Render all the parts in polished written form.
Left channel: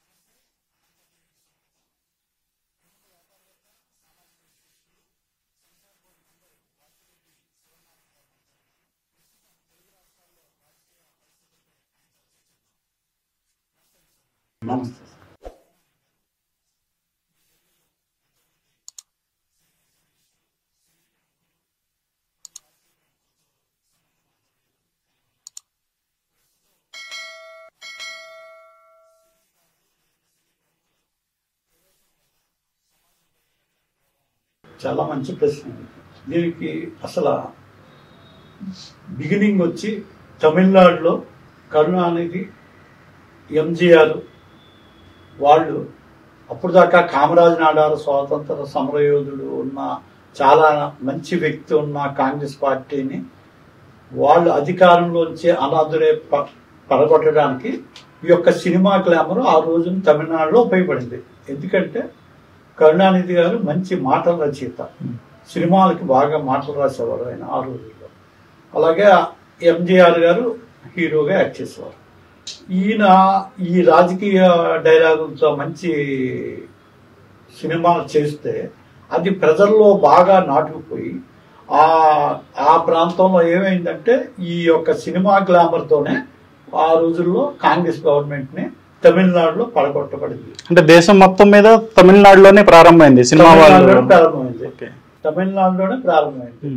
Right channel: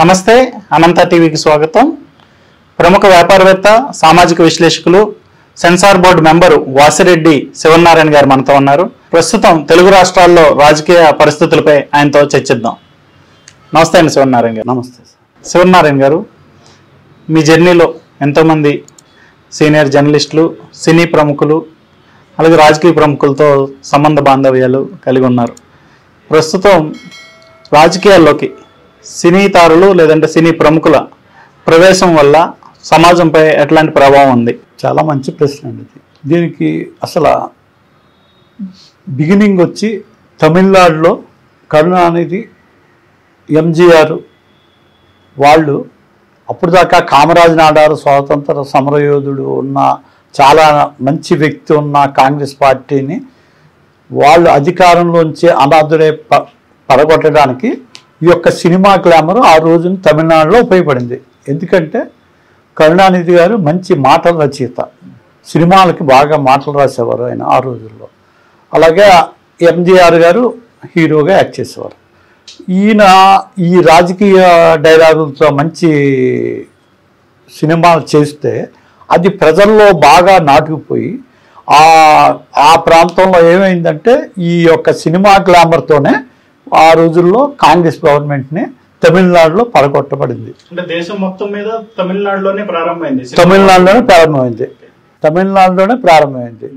నమస్తే అనంత టీవీకి స్వాగతం. ప్రముఖ వ్యాపారవేత్త సామాజిక విశ్లేషకులు censor board member Vasireddy Sivanarayana గారు మనతో ఉన్నారు. ప్రస్తుతం తెలుగు రాష్ట్రాల్లో రాజకీయ పరిస్థితులపై ఆయనతో చర్చిద్దాం. నమస్తే అండి శివనారాయణ గారు. నమస్తే శివనారాయణ గారు, మీ జర్నీలో ఎంతోమంది సీనియర్ జర్నలిస్టులు, సినీ ప్రముఖులు, అలాగే రాజకీయ ప్రముఖులతో సంబంధ బాంధవ్యాలు కలిగి ఉన్నారు. ప్రస్తుతం రాజకీయాల్లోకి సినీ తారులు లేదంటే సినీ ప్రముఖుల ప్రవేశం వల్ల సమాజంపై ఎట్లాంటి ప్రభావం ఉంది? చాలా మంచి ప్రశ్న అండి. దీనికి అసలు బిగినింగ్ వచ్చి తమిళనాడులో కరుణానిధి, ఎంజీఆర్ వాళ్ళు అప్పుడు దాకా కామరాజ్ నాడారు స్వాతంత్ర సమరయోధుడు ఉన్న చాలా మంచి వ్యక్తి ఉన్న కాంగ్రెస్ పార్టీని వాళ్ళు అధికారంలోంచి అనాథుడే పడగొట్టడానికి ఈ యొక్క సినిమా గ్లామర్ ఆ రోజున తమిళనాడులో ఉపయోగపడింది. ఎందుకంటే కరుణానిధి గారు మంచి మాటల రచయిత, సినిమాలకి బాగా మాటలు రాసేవారు ఆయన ఆ రోజుల్లో. అలాగే ఎంజీఆర్ గారు హీరోగా యాక్ట్ చేసేవారు. ఈయన ఈ రాజకీయ డైలాగులతో మంచి సినిమాలు చేస్తే అది ప్రజల్లో బాగా నాటుకుపోయి ఆ ప్రాంతంలో ఏమైందంటే ఈ యొక్క సినిమా గ్లామర్తోనే ఆ రోజుల్లో కాంగ్రెస్ గవర్నమెంట్ని తమిళనాడులో పడగొట్టబడింది. అంటే దేశం మొత్తం మీద తమిళనాడులోనే ప్రారంభమైంది. తమిళనాడులోనే ప్రారంభమైంది.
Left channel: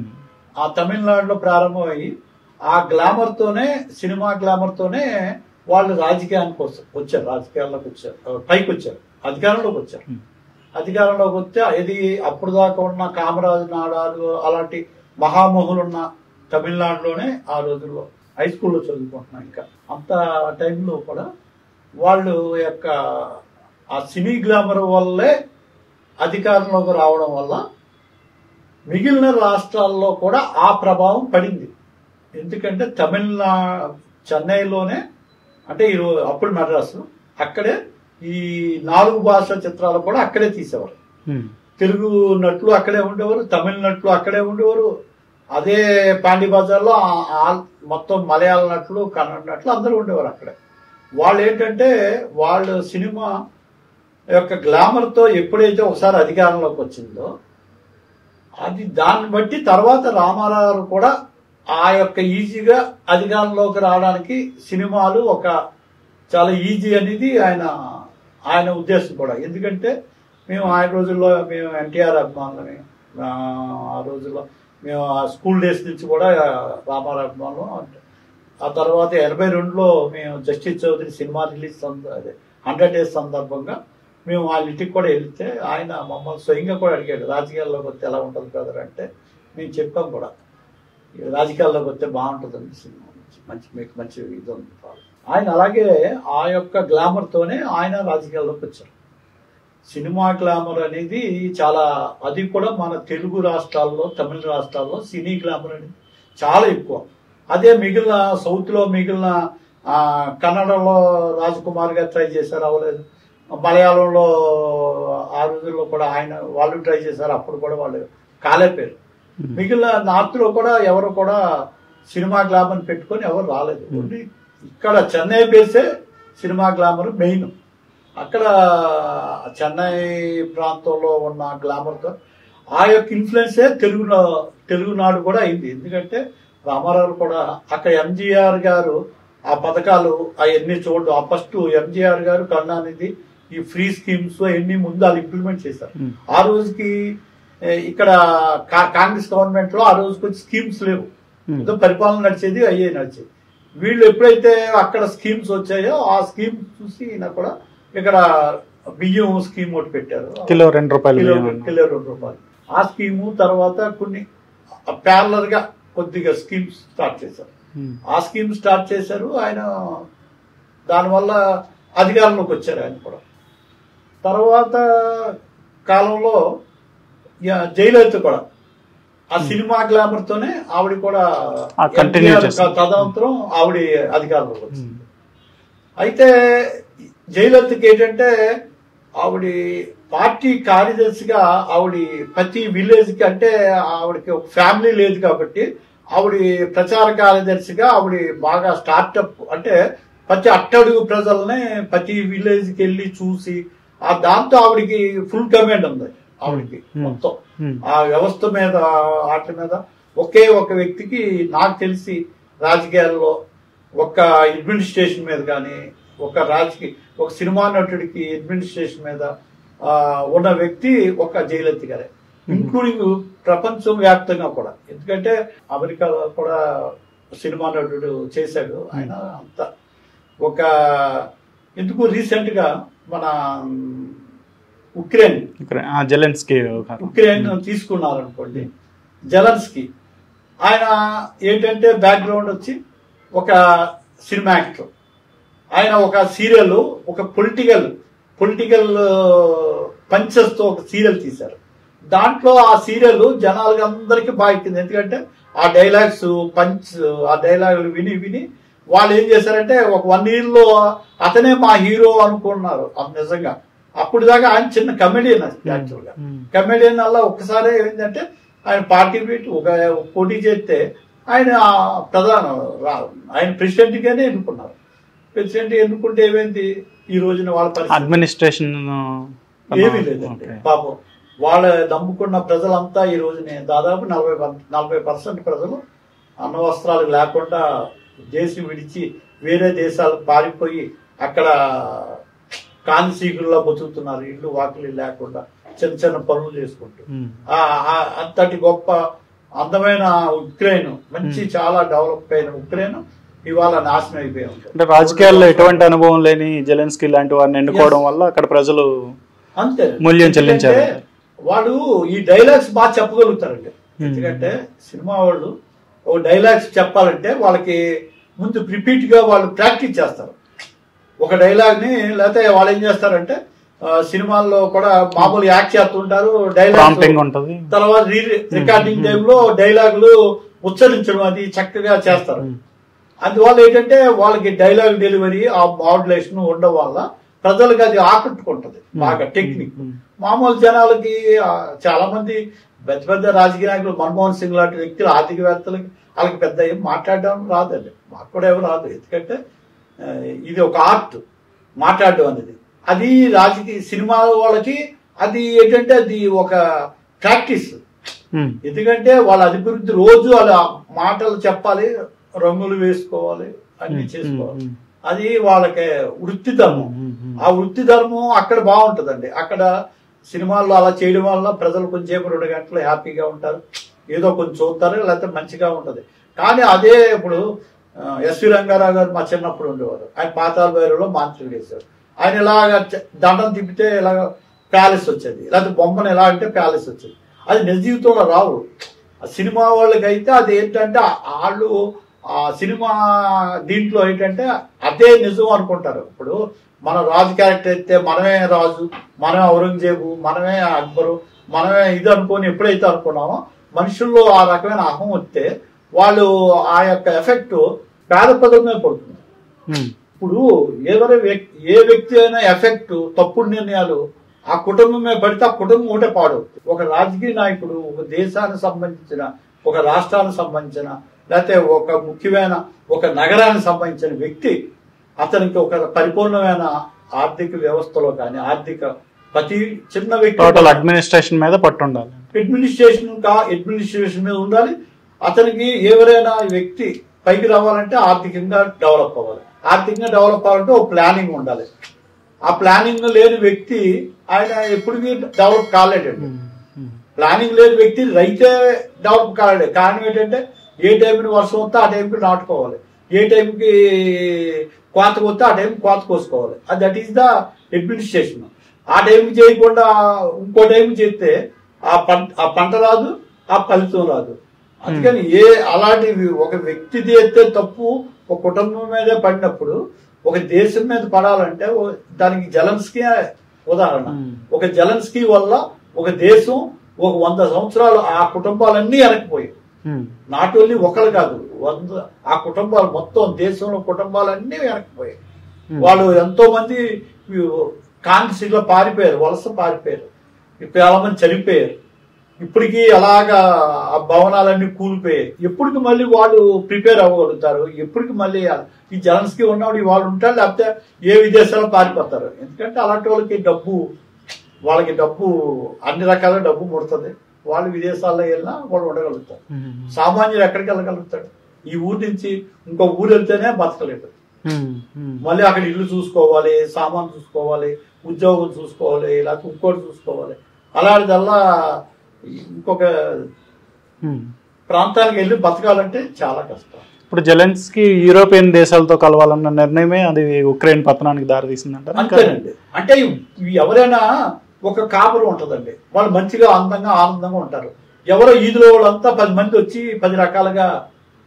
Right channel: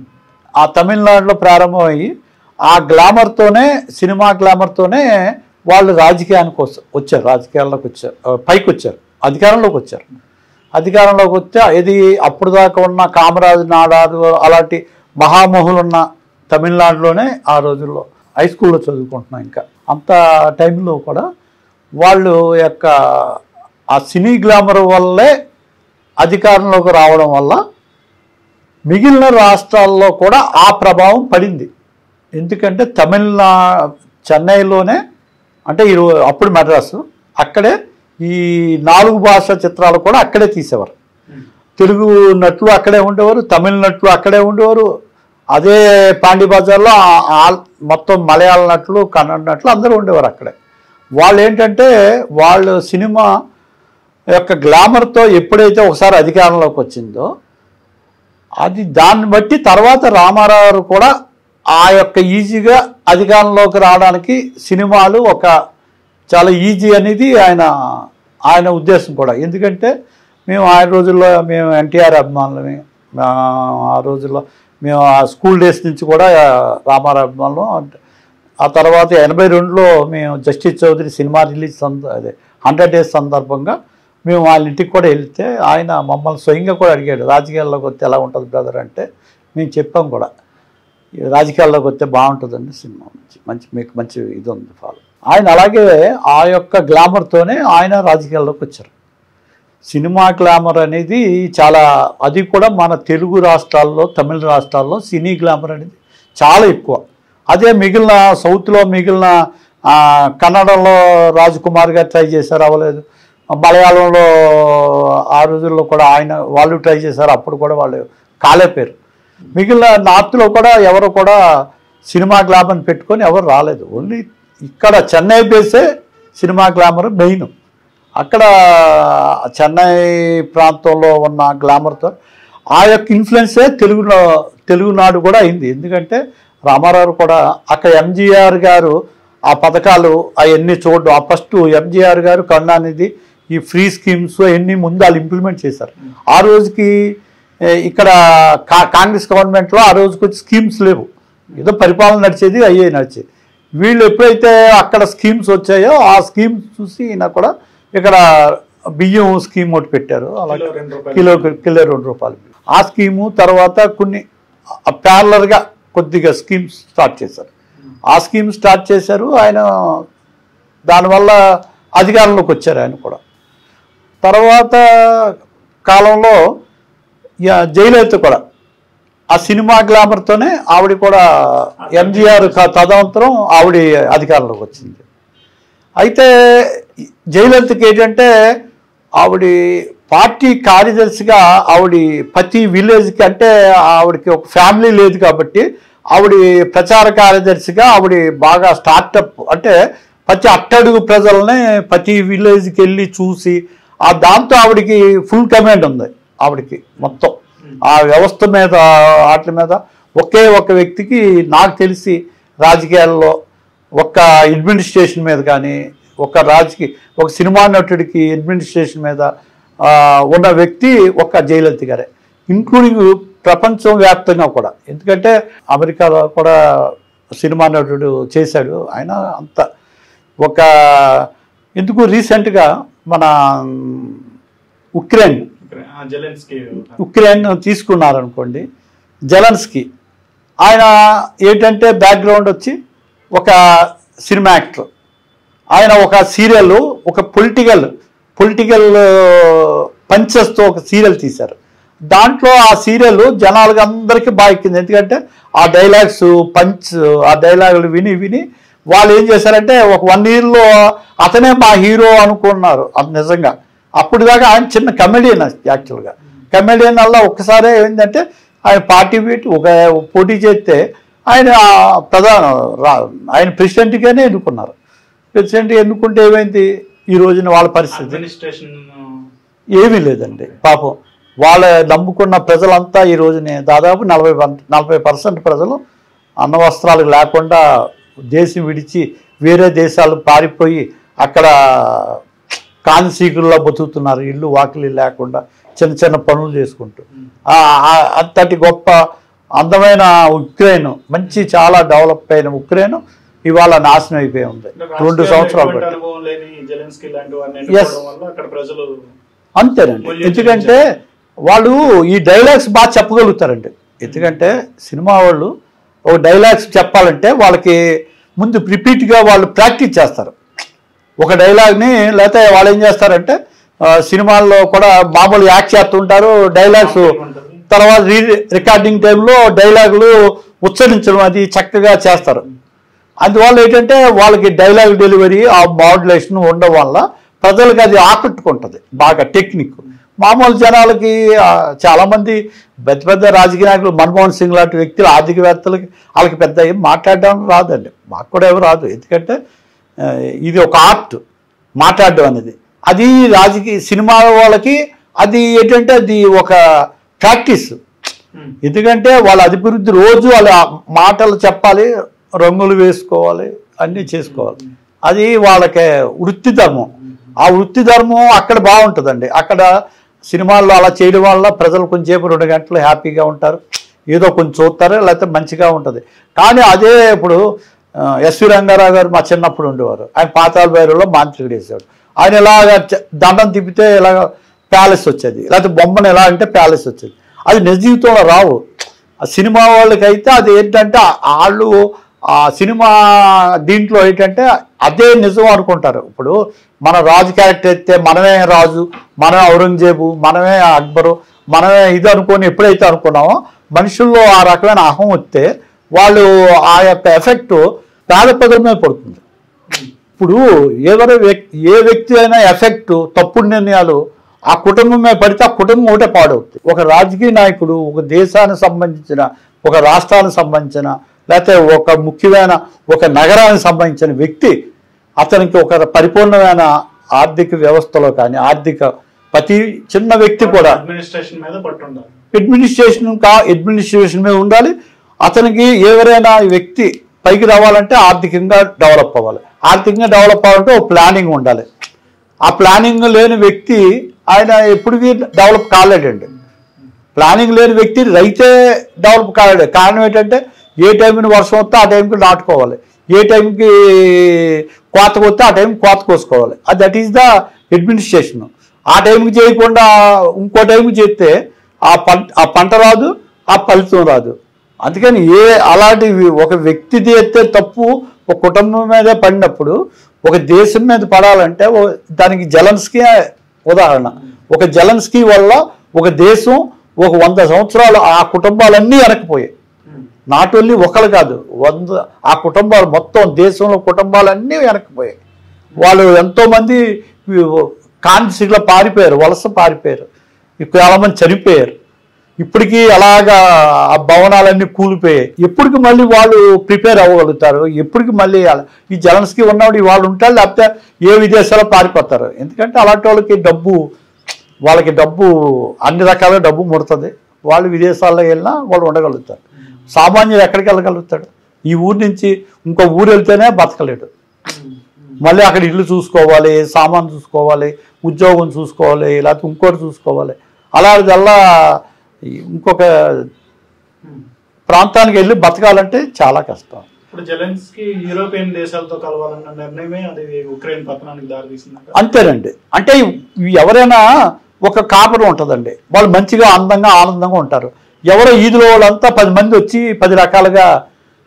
ఆ తమిళనాడులో ప్రారంభమయ్యి ఆ గ్లామర్తోనే, సినిమా గ్లామర్తోనే వాళ్ళు రాజకీయానికి వచ్చారు, రాజకీయాల్లోకి వచ్చారు, పైకి వచ్చారు, అధికారంలోకి వచ్చారు. అధికారంలోకి వస్తే ఇది అప్పుడు దాకా ఉన్న కామరాజు నాడారు అలాంటి మహామహులు ఉన్న తమిళనాడులోనే ఆ రోజుల్లో హై స్కూల్లో చదువుకుంటున్నాం. ఇంకా అంత టైంలో కూడా వాళ్ళు యొక్క ఆ సినీ గ్లామర్ వల్లే అధికారంలోకి రావడం వల్ల మిగిలిన రాష్ట్రాల్లో కూడా ఆ ప్రభావం పడింది. ఎందుకంటే చెన్నైలోనే అంటే అప్పుడు మద్రాసు, అక్కడే ఈ 4 భాషా చిత్రాలు కూడా అక్కడే తీసేవారు. తెలుగు నటులు అక్కడే ఉండేవారు, తమిళ నటులు అక్కడే ఉండేవారు. అదే పాండి బజార్లో మొత్తం మలయాళ నటులు, కన్నడ నటులు అందరూ ఉండేవారు అక్కడే. వాళ్ళు ఏంటంటే వాళ్ళు సినిమా యొక్క గ్లామర్తో ఎప్పుడైతే ఒకసారి అధికారంలోకి వచ్చిందో అది దాన్ని బట్టి తర్వాత రామారావు కూడా ఆ యొక్క ఈజీగా అధికారంలోకి రావడానికి సినిమాలు ఒక చాలా ఈజీ అనేది ఆయన ఉద్దేశం కూడా. ఎందుకంటే మేము ఆ రోజుల్లో మేము ఎన్టీఆర్ అభిమానులమే. ఆ రోజుల్లో మేము ఆ స్కూల్ డేస్ నుంచి కూడా రామారావు అభిమానులు. ఆ తర్వాత 82లో మేము Justice Chowdary cinema release 100 days సందర్భంగా మేము వాళ్ళ ఇంటికి కూడా వెళ్తే ఆయన మమ్మల్ని స్వయంగా కూడా అడిగాడు, రాజకీయాల్లోకి వస్తే ఎలా ఉంటుంది బ్రదర్ అంటే మేము చెప్పాం కూడా, రాజకీయాల్లోకి వస్తే బాగుంటుందండి, సినిమా మీకు మంచి ఇది ఉంది ఫాలో. ఆయన అలాగే ఆ యొక్క గ్లామర్తోనే ఆయన రాజకీయాల్లోకి వచ్చారు. సినిమా గ్లామర్ అనేది చాలా, అది కూడా మన తెలుగు రాష్ట్రాల్లో, తమిళ రాష్ట్రాల్లో సినీ గ్లామర్ అనేది చాలా ఎక్కువ. అదే మిగిలిన సౌత్లో, మిగిలిన కన్నడంలో రాజకుమార్ గారు ట్రై చేశారు, అవ్వలేదు. మలయాళంలో ఆ రోజుల్లో కూడా వాళ్ళు ట్రై చేశారు, అప్పుడు కూడా వాళ్ళు కాలేపోయారు. మిగిలిన నార్త్లో కూడా ఎవరు కూడా సినిమా గ్లామర్ పెట్టుకొని ఎవరు రాలేదు. ఓన్లీ ఇక్కడ చెన్నై బేసే సినిమా గ్లామర్ మెయిన్. అక్కడ చెన్నై ప్రాంతంలో ఉన్న గ్లామర్తో ఆ యొక్క ఇన్ఫ్లుయెన్సే తెలుగునాడు కూడా అయింది. ఎందుకంటే రామారావు కూడా అక్కడ ఎంజీఆర్ గారు ఆ పథకాలు అవన్నీ చూడడం, ఆ ఫస్ట్ ఎంజీఆర్ గారు కరుణానిధి ఈ ఫ్రీ స్కీమ్స్ అవన్నీ ముందు వాళ్ళు ఇంప్లిమెంట్ చేశారు. ఆ రోజుకి ఇక్కడ కాంగ్రెస్ గవర్నమెంట్లో ఆ రోజుకి వచ్చి స్కీమ్స్ లేవు, ఏదో పరిపాలన నడిచేది నడిచేది. వీళ్ళు ఎప్పుడైతే అక్కడ స్కీమ్స్ వచ్చాయో ఆ స్కీమ్స్ చూసి ఈయన కూడా ఇక్కడ బియ్యం స్కీమ్ ఒకటి పెట్టారు, కిలో 2 రూపాయలు. కిలో 2 రూపాయలు. ఆ స్కీము తర్వాత కొన్ని ప్యారలర్గా కొద్దిగా స్కీమ్స్ స్టార్ట్ చేశారు. ఆ స్కీమ్ స్టార్ట్ చేశారు. ఆయన దానివల్ల అధికారంలోకి వచ్చారు ఆయన కూడా. తర్వాత కాలంలో జయలలిత కూడా ఆ సినిమా గ్లామర్తోనే ఆవిడ కూడా ఎన్టీఆర్ తదనంతరం ఆవిడ అధికారంలోకి వచ్చింది. అయితే జయలలితకి ఏంటంటే ఆవిడ పార్టీ కార్యదర్శిగా ఆవిడ ప్రతి విలేజ్కి, అంటే ఆవిడకి ఒక ఫ్యామిలీ లేదు కాబట్టి ఆవిడ ప్రచార కార్యదర్శిగా ఆవిడ బాగా స్టార్టప్, అంటే ప్రతి అట్టడుగు ప్రజల్ని ప్రతి విలేజ్కి వెళ్ళి చూసి ఆ దాంతో ఆవిడికి ఫుల్ కమాండ్ ఉంది ఆవిడికి మొత్తం ఆ వ్యవస్థ మీద వాటి మీద ఒకే ఒక వ్యక్తికి నాకు తెలిసి రాజకీయాల్లో ఒక అడ్మినిస్ట్రేషన్ మీద కానీ ఒక సినిమా నటుడికి అడ్మినిస్ట్రేషన్ మీద ఉన్న వ్యక్తి ఒక జయలలిత గారే, ఇంక్లూడింగ్ ప్రపంచం వ్యాప్తంగా కూడా. ఎందుకంటే అమెరికాలో కూడా సినిమా నటుడు చేశాడు ఆయన. అంత ఎందుకు రీసెంట్గా మన ఉక్రెయిన్ తీసుకున్నారనుకోండి, జెలెన్స్కీ ఆయన ఏంటంటే బ్యాక్గ్రౌండ్ వచ్చి ఒక సినిమా యాక్టర్. ఆయన ఒక సీరియల్, ఒక పొలిటికల్ పంచెస్తో ఒక సీరియల్ తీశారు. దాంట్లో ఆ సీరియల్ జనాలకు అందరికీ బాగా ఎక్కింది. ఎందుకంటే ఆ డైలాగ్స్ ఆ డైలాగులు విని వాళ్ళు ఏం చేశారంటే ఒక 1 yearలో అతనే మా హీరో అనుకున్నారు. అది నిజంగా అప్పుడు దాకా ఆయన చిన్న కమెడియన్, యాక్చువల్గా కమెడియన్ వల్ల ఒక్కసారి ఏంటంటే ఆయన పోటీ చేస్తే ఆయన ఆయన ప్రెసిడెంట్గానే ఎన్నుకున్నారు. ప్రెసిడెంట్ ఎన్నుకుంటే ఏమైంది, ఈ రోజున వాళ్ళ పరిస్థితి అడ్మినిస్ట్రేషన్ ఏమీ లేదండి. పాపం వాళ్ళ నమ్ముకున్న ప్రజలంతా ఈ రోజునే దాదాపు 40% ప్రజలు అన్న వస్త్రాలు లేకుండా దేశం విడిచి వేరే దేశాలు పారిపోయి అక్కడ కాన్సీకుల్లో బతుకుతున్నారు, ఇల్లు వాకిలి లేకుండా చిన్న చిన్న పనులు చేసుకుంటూ. అంతటి గొప్ప అందమైన ఉక్రెయిన్, మంచి చాలా డెవలప్ అయిన ఉక్రెయిన్ ఇవాళ నాశనం అయిపోయి ఉంది. రాజకీయాల్లో ఎటువంటి అనుభవం లేని జెలెన్స్కీ లాంటి వారిని ఎన్నుకోవడం వల్ల అక్కడ ప్రజలు అంతేనండి. ఎందుకంటే వాళ్ళు ఈ డైలాగ్స్ బాగా చెప్పగలుగుతారండి. ఎందుకంటే సినిమా వాళ్ళు ఒక డైలాగ్స్ చెప్పాలంటే వాళ్ళకి ముందు రిపీట్గా వాళ్ళు ప్రాక్టీస్ చేస్తారు ఒక డైలాగ్ని. లేకపోతే వాళ్ళు ఏం చేస్తారంటే సినిమాల్లో కూడా మామూలు యాక్ట్ చేస్తుంటారు, డైలాగ్స్ తర్వాత రికార్డింగ్ టైంలో డైలాగులు ఉచ్చరించడం అది చక్కగా చేస్తారు. అందువల్ల ఏంటంటే వాళ్ళకి డైలాగ్ డెలివరీ ఆ మాడ్యులేషన్ ఉండడం వల్ల ప్రజలకు అది ఆకట్టుకుంటుంది బాగా టెక్నిక్. మామూలు జనాలకి చాలామంది పెద్ద రాజకీయ నాయకులు, మన్మోహన్ సింగ్ లాంటి వ్యక్తులు, ఆర్థికవేత్తలకి వాళ్ళకి పెద్ద ఏం మాట్లాడడం రాదండి. మాకు కూడా ఏమి రాదు. ఎందుకంటే ఇది ఒక ఆర్ట్ మాట్లాడడం అనేది. అది సినిమా వాళ్ళకి అది ఏంటంటే అది ఒక ప్రాక్టీస్. ఎందుకంటే వాళ్ళ అభివృద్ధి రోజు వాళ్ళ మాటలు చెప్పాలి, రంగులు వేసుకోవాలి, అన్నీ చేసుకోవాలి. అది వాళ్ళకి వృత్తి ధర్మం. ఆ వృత్తి ధర్మం అక్కడ బాగుంటుందండి. అక్కడ సినిమాల్లో అలా చేయడం వల్ల ప్రజలు కొంచెంసేపు 2 గంటలు హ్యాపీగా ఉంటారు, ఏదో కొంచెం చూస్తారు, లేకపోతే మంచిగా ఉంటుంది. కానీ అదే ఇప్పుడు ఎస్వి రంగారావు గారు మా చిన్నప్పుడు ఉండేవారు. ఆయన పాతాళ భైరవిలో మాంత్రికుడు వేసేవాడు. ఆయన ఇలాగ దండం తిప్పితే ఇలాగ ప్యాలెస్ వచ్చేది, లేకపోతే బొమ్మను ఎలా అంటే ప్యాలెస్ వచ్చేది. అది నిజ జీవితంలో రావు. ఆ సినిమా వాళ్ళకైతే అది ఏంటంటే వాళ్ళు ఆ సినిమా దీంట్లో ఏంటంటే అదే నిజం అనుకుంటారు. ఇప్పుడు మన రాజు క్యారెక్టర్ అయితే మనమే రాజు, మనమే ఔరంగజేబు, మనమే అక్బరు, మనమే ఇది అనుకొని ఎప్పుడైతే అనుకున్నామో మనుషుల్లో ఆ రకమైన అహం వస్తే వాళ్ళు ఆ యొక్క ఎఫెక్ట్ పేదపదం మీద పడుతుంది. ఇప్పుడు ఏ వ్యక్తి అయినా ఎఫెక్ట్ తప్పుడు నిర్ణయాలు ఆ కుటుంబం మీద పడితే ఆ కుటుంబం ఒకటే పాడవుతుంది. ఒక రాజకీయ నాయకుడు ఒక దేశానికి సంబంధించిన, ఒక రాష్ట్రానికి సంబంధించిన, లేకపోతే ఒక ముఖ్యమైన ఒక నగరానికి సంబంధించిన వ్యక్తి, అతనికి ఒక పరిపూర్ణమైన ఆర్థిక వ్యవస్థలో కానీ ప్రతి చిన్న వ్యక్తి కూడా అడ్మినిస్ట్రేషన్ మీద పట్టు ఉండాలి. అడ్మినిస్ట్రేషన్ మీద ఉండాలి. అతనికి ఎవరైనా వ్యక్తి పైకి రావాలంటే ఆర్థికంగా డెవలప్ అవ్వాలి. ఆర్థికంగా డెవలప్ అవ్వాలంటే ఒక ప్లానింగ్ ఉండాలి. ఆ ప్లానింగ్ లేని వ్యక్తి ఆయన ఎప్పటికీ డెవలప్ కాలేడండి. ప్లానింగ్ లేని వ్యక్తి రైతే డెవలప్ కాలేడు. కారణం ఏంటంటే ఏ టైంకి వర్షం వస్తే ఆ టైంకి నాటుకోవాలి, ఏ టైంకి కోతకు వస్తే ఆ టైంకి కోత కోసుకోవాలి. That is the administration. ఆ టైంకి చేయకుండా ఇంకో టైంకి చేస్తే ఆ పంట రాదు, ఆ ఫలితం రాదు. అందుకని అలాంటి ఒక వ్యక్తి చేస్తే తప్పు ఒక కుటుంబం మీదే పడినప్పుడు ఒక దేశం మీద పడాలంటే దానికి జెలెన్స్కీ ఉదాహరణ. ఒక జెలెన్స్కీ వల్ల ఒక దేశం ఒక 100 సంవత్సరాలు ఆ కుటుంబాలన్నీ వెనకపోయాయి. నాట్ ఓన్లీ ఒకరు కాదు, 100 ఆ కుటుంబాలు మొత్తం దేశంలో కుటుంబాలన్నీ వెనకపోయాయి. వాళ్ళు ఎంతో మంది కాన్సిలో పారిపోయారు, వలస పారిపోయారు, చాలా మంది చనిపోయారు. ఇప్పటికీ అలాగా ఆ భవనాలన్నీ కూలిపోయాయి. ఎప్పటికి మళ్ళీ వాళ్ళు ప్రిపేర్ అవ్వగలుగుతారు? ఎప్పటికి మళ్ళీ ఈ జెలెన్స్కీ ఉన్నప్పుడు వాళ్ళు ఉంటారు, లేకపోతే ఏ విదేశాల్లో పారిపోతారు? ఎందుకంటే అలాంటి వాళ్ళకి డబ్బు అన్ని రకాల డబ్బు ముడుతుంది. వాళ్ళు విదేశాల్లో వెళ్ళినా వాళ్ళు ఉండగలుగుతారు. సామాన్యుడు ఎక్కడికి వెళ్ళగలుగుతాడు? ఈ ఊరి నుంచి ఇంకో ఊరు వెళ్తేనే బతకలేడు. మళ్ళీ అక్కడ ఇల్లు చూసుకోవాలి, సామాన్ చూసుకోవాలి, ఉద్యోగం చూసుకోవాలి, లేకపోతే ఇంకోటి చూసుకోవాలి. అలాంటిదల్లా ఇంకొక ప్రాంతానికి వెళ్ళి బతకాలంటే చాలా కష్టం. ఇప్పుడు జెలెన్స్కీ యూరోపియన్ దేశాలతో కలవాలన్న నిర్ణయమే అది ఉక్రెయిన్ పతనానికి దారితీసిందంట. అంతేనండి. అంటే ఎవరైనా ఒక కాపురం ఉంటుందండి, వాళ్ళు మంచిగా అందంగా ఆనందంగా ఉంటారు. ఎవరో ఈదులో వాళ్ళంతా 10 మంది వచ్చి 10 రకాలుగా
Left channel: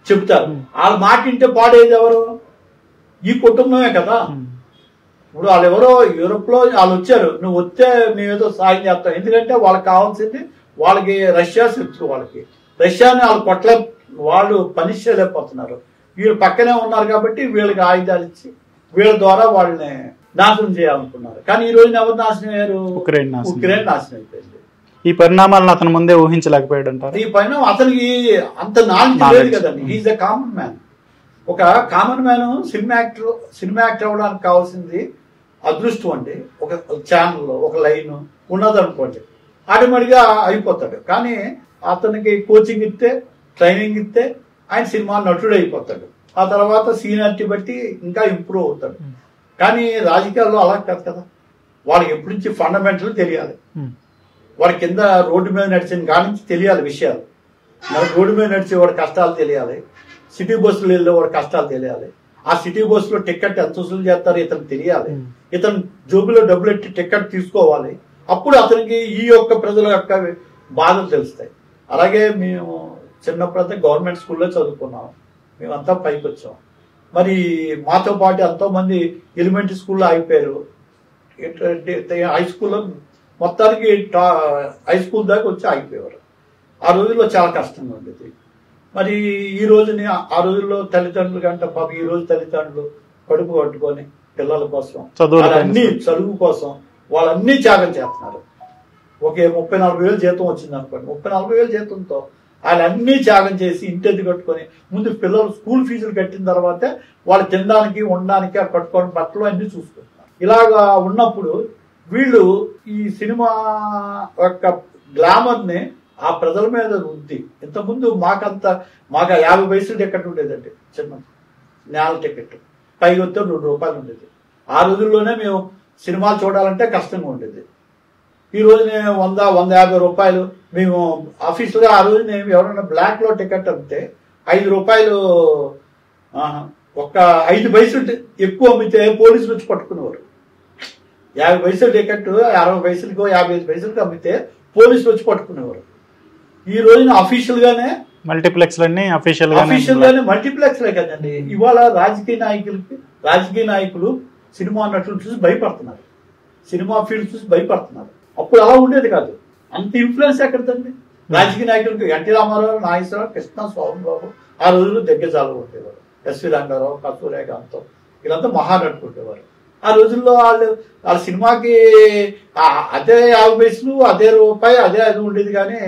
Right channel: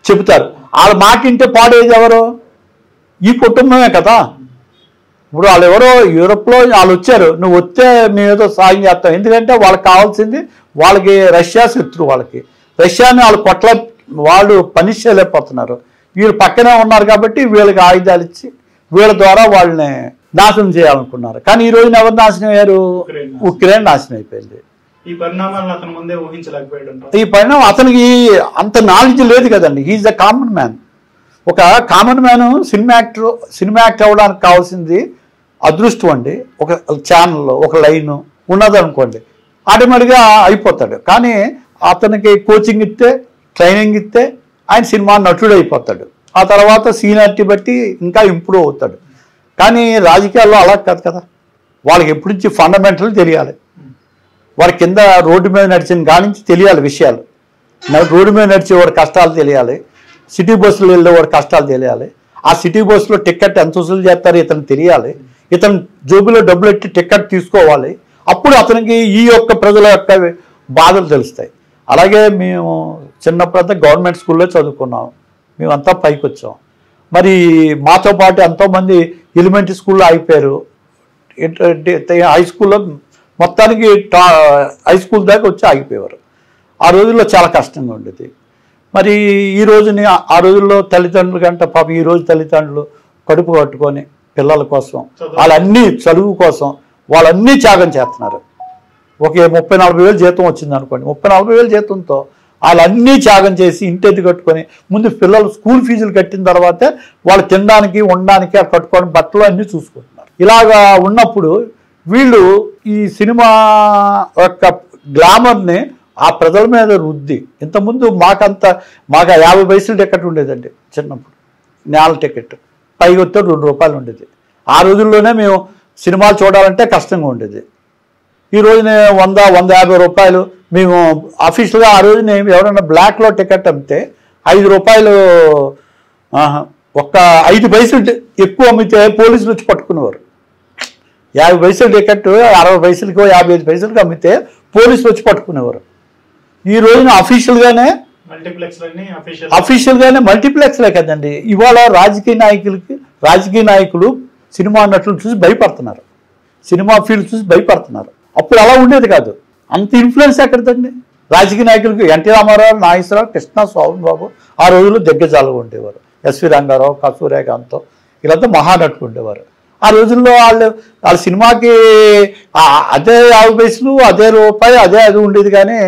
చెబుతారు. వాళ్ళ మాట వింటే పాడేది ఎవరు? ఈ కుటుంబమే కదా. ఇప్పుడు వాళ్ళు ఎవరో యూరోప్లో వాళ్ళు వచ్చారు, నువ్వు వస్తే మేము ఏదో సాయం చేస్తాం. ఎందుకంటే వాళ్ళకి కావాల్సింది, వాళ్ళకి రష్యా శత్రువు, వాళ్ళకి రష్యాని వాళ్ళు పని చేయలేకపోతున్నారు. వీళ్ళు పక్కనే ఉన్నారు కాబట్టి వీళ్ళకి ఆయుధాలు ఇచ్చి వీళ్ళ ద్వారా వాళ్ళని నాశనం చేయాలనుకున్నారు. కానీ ఈ రోజున ఎవరు నాశనం అయ్యారు? ఉక్రెయిన్ నాశనం అయిపోయింది. ఈ పరిణామాలను అతను ముందే ఊహించలేకపోయాడు అంటారు. ఈ పరిణామం అతనికి అంత నాలెడ్జ్ లేదు కదండి. He is the common man. ఒక కామన్ మ్యాన్ సినిమా యాక్టర్ అవ్వడానికి కావాల్సింది అదృష్టం అండి. ఒక ఛానల్లో ఒక లైన్ ఉన్నదనుకోండి, ఆటోమేటిక్గా అయిపోతాడు. కానీ అతనికి కోచింగ్ ఇస్తే, ట్రైనింగ్ ఇస్తే ఆయన సినిమా నటుడు అయిపోతాడు. ఆ తర్వాత సీనియారిటీ బట్టి ఇంకా ఇంప్రూవ్ అవుతాడు. కానీ రాజకీయాల్లో అలా కాదు కదా. వాళ్ళకి ఎప్పటి నుంచి ఫండమెంటల్ తెలియాలి. వాడి కింద రోడ్డు మీద నడిచిన కానించి తెలియాలి విషయాలు. రోడ్డు మీద నడిచేవాడు కష్టాలు తెలియాలి, సిటీ బస్సులో వెళ్ళేవాడు కష్టాలు తెలియాలి. ఆ సిటీ బస్సులో టికెట్ ఎంత వసూలు చేస్తారో ఇతను తెలియాలి. ఇతను జోబులో డబ్బులు ఎట్టి టికెట్ తీసుకోవాలి. అప్పుడు అతనికి ఈ యొక్క ప్రజల యొక్క బాధలు తెలుస్తాయి. అలాగే మేము చిన్నప్పుడంతా గవర్నమెంట్ స్కూల్లో చదువుకున్నాం, మేమంతా పైకి వచ్చాం. మరి మాతో పాటు ఎంతోమంది ఎలిమెంటరీ స్కూల్లో అయిపోయారు, హై స్కూల్లో మొత్తానికి హై స్కూల్ దాకా వచ్చి ఆగిపోయేవారు. ఆ రోజుల్లో చాలా కష్టంగా ఉండేది. మరి ఈ రోజుని ఆ రోజుల్లో తల్లిదండ్రులు కంటే పాప ఈ రోజు తల్లిదండ్రులు కడుపు కట్టుకొని పిల్లల కోసం వాళ్ళన్నీ చదువు కోసం వాళ్ళన్నీ త్యాగం చేస్తున్నారు. ఒక 30-40 వేలు జీతం వచ్చింది అనుకోండి, 30-40 వేలు జీతంతో వాళ్ళన్నీ త్యాగం చేసి ఇంటి కట్టుకొని ముందు పిల్లలు స్కూల్ ఫీజులు కట్టిన తర్వాతే వాళ్ళు తినడానికి ఉండడానికి కట్టుకొని బట్టలు అన్నీ చూసుకుంటున్నారు. ఇలాగా ఉన్నప్పుడు వీళ్ళు ఈ సినిమా యొక్క గ్లామర్ని ఆ ప్రజల మీద రుద్ది, ఇంతకుముందు మాకు 50 పైసలు టికెట్ ఉండేదండి చిన్నప్పుడు, నేల టికెట్ పైకి వస్తే 2 రూపాయలు ఉండేది. ఆ రోజుల్లోనే మేము సినిమాలు చూడాలంటే కష్టంగా ఉండేది. ఈ రోజునే 100-150 రూపాయలు. మేము అఫీషియల్గా ఆ రోజున ఎవరైనా బ్లాక్లో టికెట్ అమ్మితే 5 రూపాయలు, ఒక్క 5 పైసలు ఎక్కువ అమ్మితే పోలీసులు వచ్చి పట్టుకునేవారు. 50 పైసలు టికెట్ 60 పైసలకో 55 పైసలకి అమ్మితే పోలీసులు వచ్చి పట్టుకునేవారు. ఈ రోజున అఫీషియల్గానే అఫీషియల్గానే మల్టీప్లెక్స్లే కదండి. ఇవాళ రాజకీయ నాయకులు సినిమా నటులు చూసి భయపడుతున్నారు, సినిమా ఫీల్డ్ చూసి భయపడుతున్నారు. అప్పుడు అలా ఉండేది కాదు. అంత ఇన్ఫ్లుయెన్స్ ఎక్కడదండి రాజకీయ నాయకులకి? ఎన్టీ రామారావు, నాగేశ్వరరావు, కృష్ణ, శోభన్ బాబు ఆ రోజుల్లో దిగ్గజాలుగా ఉండేవారు. ఎస్వి రంగారావు, సూర్యకాంత్ వీళ్ళంతా మహానటులు ఉండేవారు. ఆ రోజుల్లో వాళ్ళ సినిమాకి అదే 50 పైసలు, అదే రూపాయి, అదే అది ఉండేది. కానీ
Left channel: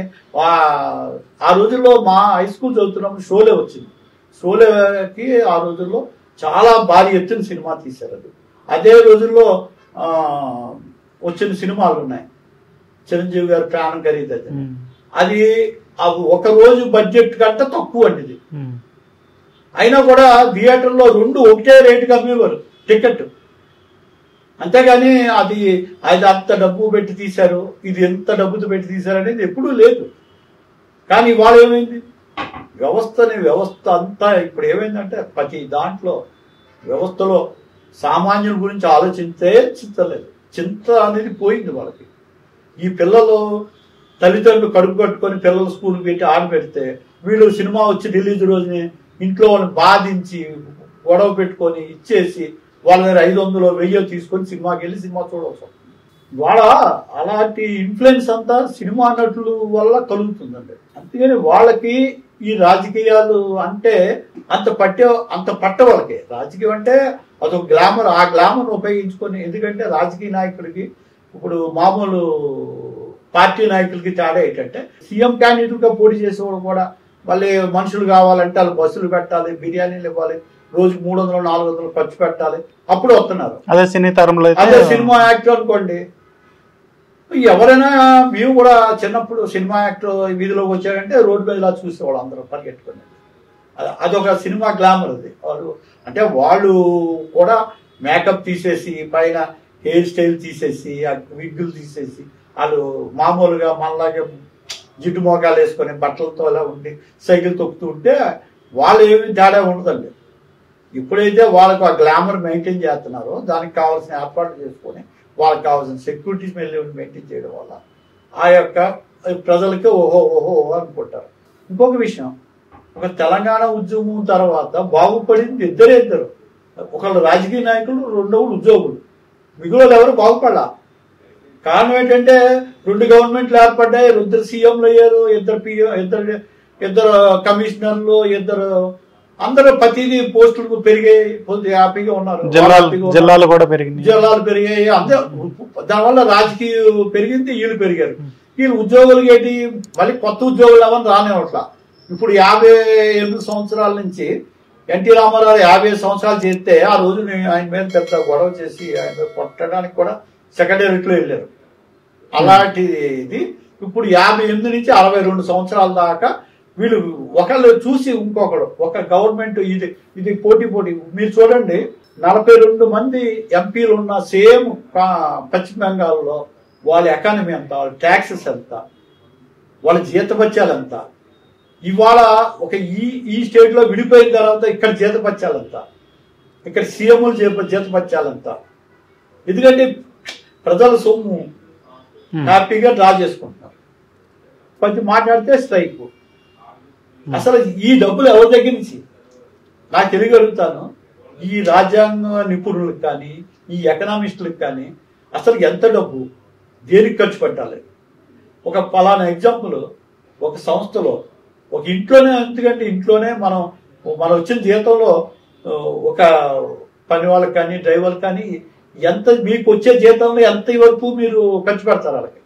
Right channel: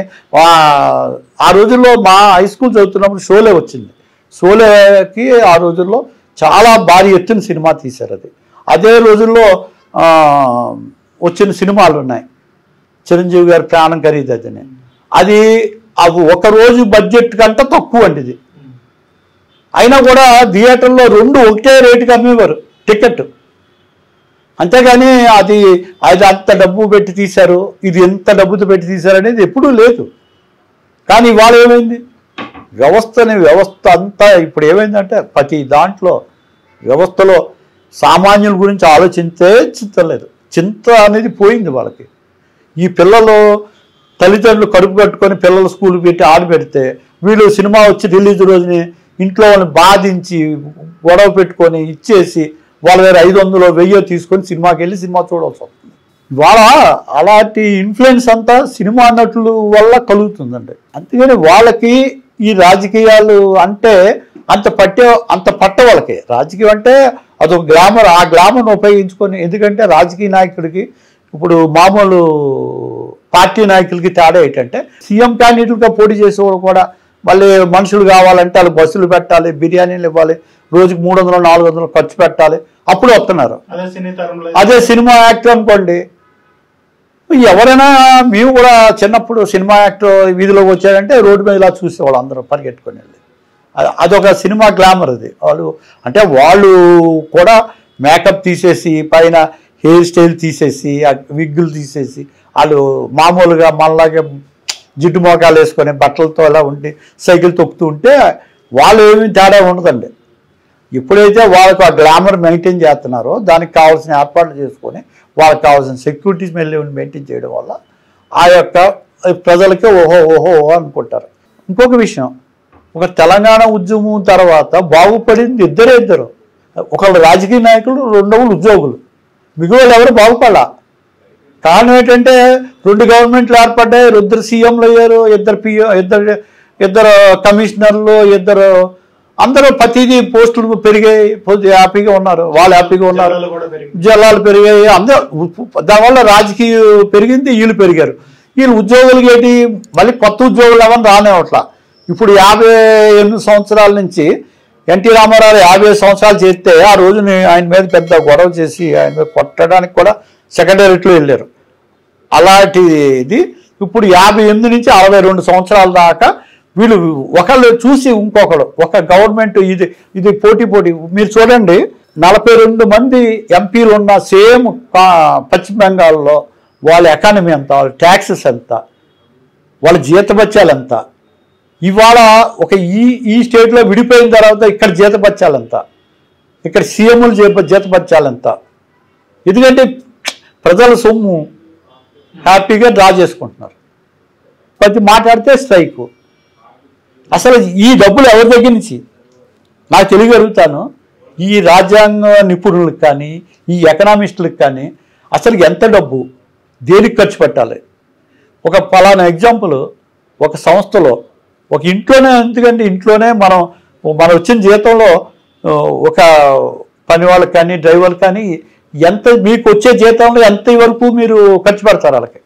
ఆ రోజుల్లో మా హై స్కూల్ చదువుతున్నప్పుడు షోలే వచ్చింది. షోలేకి ఆ రోజుల్లో చాలా భారీ ఎత్తున సినిమా తీశారు. అదే రోజుల్లో వచ్చిన సినిమాలు ఉన్నాయి. చిరంజీవి గారి ప్రాణం ఖరీదని, అది ఒక రోజు బడ్జెట్ కంటే తక్కువ అండి ఇది. అయినా కూడా థియేటర్లో 2 ఒకటే రేటుకి అమ్మేవారు టికెట్. అంతేగాని అది అంత డబ్బు పెట్టి తీశారు, ఇది ఎంత డబ్బుతో పెట్టి తీశారు అనేది ఎప్పుడూ లేదు. కానీ ఇవాళ ఏమైంది? వ్యవస్థ అంతా ఇప్పుడు ఏమైందంటే ప్రతి దాంట్లో వ్యవస్థలో సామాన్యుల గురించి ఆలోచించే చింతలేదు. చింత అనేది పోయింది వాళ్ళకి. ఈ పిల్లలు తల్లిదండ్రులు కడుపు కట్టుకొని పిల్లలు స్కూల్ పెట్టి ఆడపెడితే వీళ్ళు సినిమా వచ్చి రిలీజ్ రోజుని ఇంట్లో వాళ్ళని బాధించి గొడవ పెట్టుకొని ఇచ్చేసి వాళ్ళ దగ్గర 500-1000 తీసుకొని సినిమాకి వెళ్ళి సినిమా చూడవచ్చు. వాళ్ళ అలాంటి ఇన్ఫ్లుయెన్స్ అంతా సినిమా నటుల వల్ల కలుగుతుందండి. అందుకని వాళ్ళకి ఈ రాజకీయాలు అంటే అంత పట్ట వాళ్ళకి. రాజకీయం అంటే అదొక గ్లామర్. ఆ గ్లామర్ను ఉపయోగించుకొని, ఎందుకంటే రాజకీయ నాయకుడికి ఇప్పుడు మామూలు పార్టీ నాయకులకి తేడా ఏంటంటే సీఎం క్యాండిడేట్గా పోటీ చేసేవాడు కూడా మళ్ళీ మనుషులు కావాలంటే వాళ్ళు బస్సులు పెట్టాలి, బిర్యానీలు ఇవ్వాలి, రోజుకి 300-400 ఖర్చు పెట్టాలి, అప్పుడు వస్తున్నారు. అదే సినీ తరంలో అదే సినిమా యాక్టర్ అనుకోండి, ఎవరైనా మేము కూడా చిన్నప్పుడు సినిమా యాక్టర్ వీధిలోకి వచ్చారంటే రోడ్డు మీద ఇలా చూసేవాళ్ళు అందరూ పరిగెట్టుకుని వెళ్ళి. అదొక సినిమా గ్లామర్. అది వాళ్ళు కూడా మేకప్ తీసేసి పైన హెయిర్ స్టైల్ తీసేసి విగ్గులు తీసేసి వాళ్ళు మామూలుగా మనలాగే జిడ్డు మోకాలు వేసుకొని బట్టలతో అలా ఉండి సైకిల్ తొక్కుతూ ఉంటే వాళ్ళు ఏమీ తేడా ఉండదండి. ఎప్పుడైతే వాళ్ళకు ఆ గ్లామర్ మెయింటైన్ చేస్తున్నారో దానికి కావాల్సిన ఏర్పాట్లు చేసుకొని వాళ్ళకి కావాల్సిన సెక్యూరిటీస్ మెయింటైన్ చేయడం వల్ల ఆ యొక్క ప్రజలకి ఓహో అనుకుంటారు. ఇంకొక విషయం, ఒక తెలంగాణ ఉద్యమం తర్వాత బాగుపడింది ఇద్దరు. ఒకళ్ళు రాజకీయ నాయకులు, రెండోళ్ళు ఉద్యోగులు, మిగిలిన ఎవరు బాగుపడాల. కారణం ఏంటంటే 2 గవర్నమెంట్లు ఏర్పడ్డాయి, 2 సీఎంలు అయ్యారు, 2 కమిషనర్లు, అందరూ ప్రతిదీ పోస్టులు పెరిగాయి, హ్యాపీగా ఉన్నారు, వాళ్ళు హ్యాపీగా ఉన్నారు, జిల్లాలు పెరిగాయి, అందరూ. దానివల్ల రాజకీయ పెరిగింది, వీళ్ళు పెరిగారు. వీళ్ళు ఉద్యోగులకి ఏంటి మళ్ళీ కొత్త ఉద్యోగులు ఎవరు రానివ్వట్లా. ఇప్పుడు 58 సంవత్సరాల నుంచి ఎన్టీ రామారావు 50 సంవత్సరాలు చేస్తే ఆ రోజు ఆయన మీద పెద్ద గొడవ చేసి ఆయన మీద కొట్టడానికి కూడా సెక్రటేరియట్లో వెళ్ళారు. అలాంటిది ఇప్పుడు 58 నుంచి 62 సంవత్సరాల దాకా వీళ్ళు ఒకళ్ళు చూసి ఇంకొకడు, ఒక గవర్నమెంట్ ఇది పోటీ. మీరు చూడండి, 42 మంది ఎంపీలు ఉన్న సేమ్ పశ్చిమ బెంగాల్లో వాళ్ళ ఎకానమీ ఎంత, వాళ్ళ ట్యాక్సెస్ ఎంత, వాళ్ళ జీతభత్యాలు ఎంత. ఇవాళ ఒక ఈ స్టేట్లో విడిపోయిన తర్వాత ఇక్కడ జీతభత్యాలు ఎంత, ఇక్కడ సీఎంలు జీతభత్యాలు ఎంత. ఎందుకంటే ప్రజల సొమ్ము హ్యాపీగా డ్రా చేసుకుంటున్నారు. ప్రతి మాట్లాడితే స్ట్రైక్. అసలు ఈ డబ్బులు ఎవరి దగ్గర నుంచి నాకు తెలియగలుగుతాను. ఈ రాజ్యాంగ నిపుణులకు కానీ ఈ ఎకనామిస్టులకు కానీ అసలు ఎంత డబ్బు దేనికి ఖర్చు పెట్టాలి. ఒక పలానా ఎగ్జాంపుల్, ఒక సంస్థలో ఒక ఇంట్లోనే, ఎందుకంటే ఇంట్లోనే మనం వచ్చిన జీతంలో ఒక పని వాళ్ళకి కానీ డ్రైవర్కి కానీ ఎంత మీకు వచ్చే జీతంలో ఎంత వరకు మీరు ఖర్చు పెడతారు వాళ్ళకి.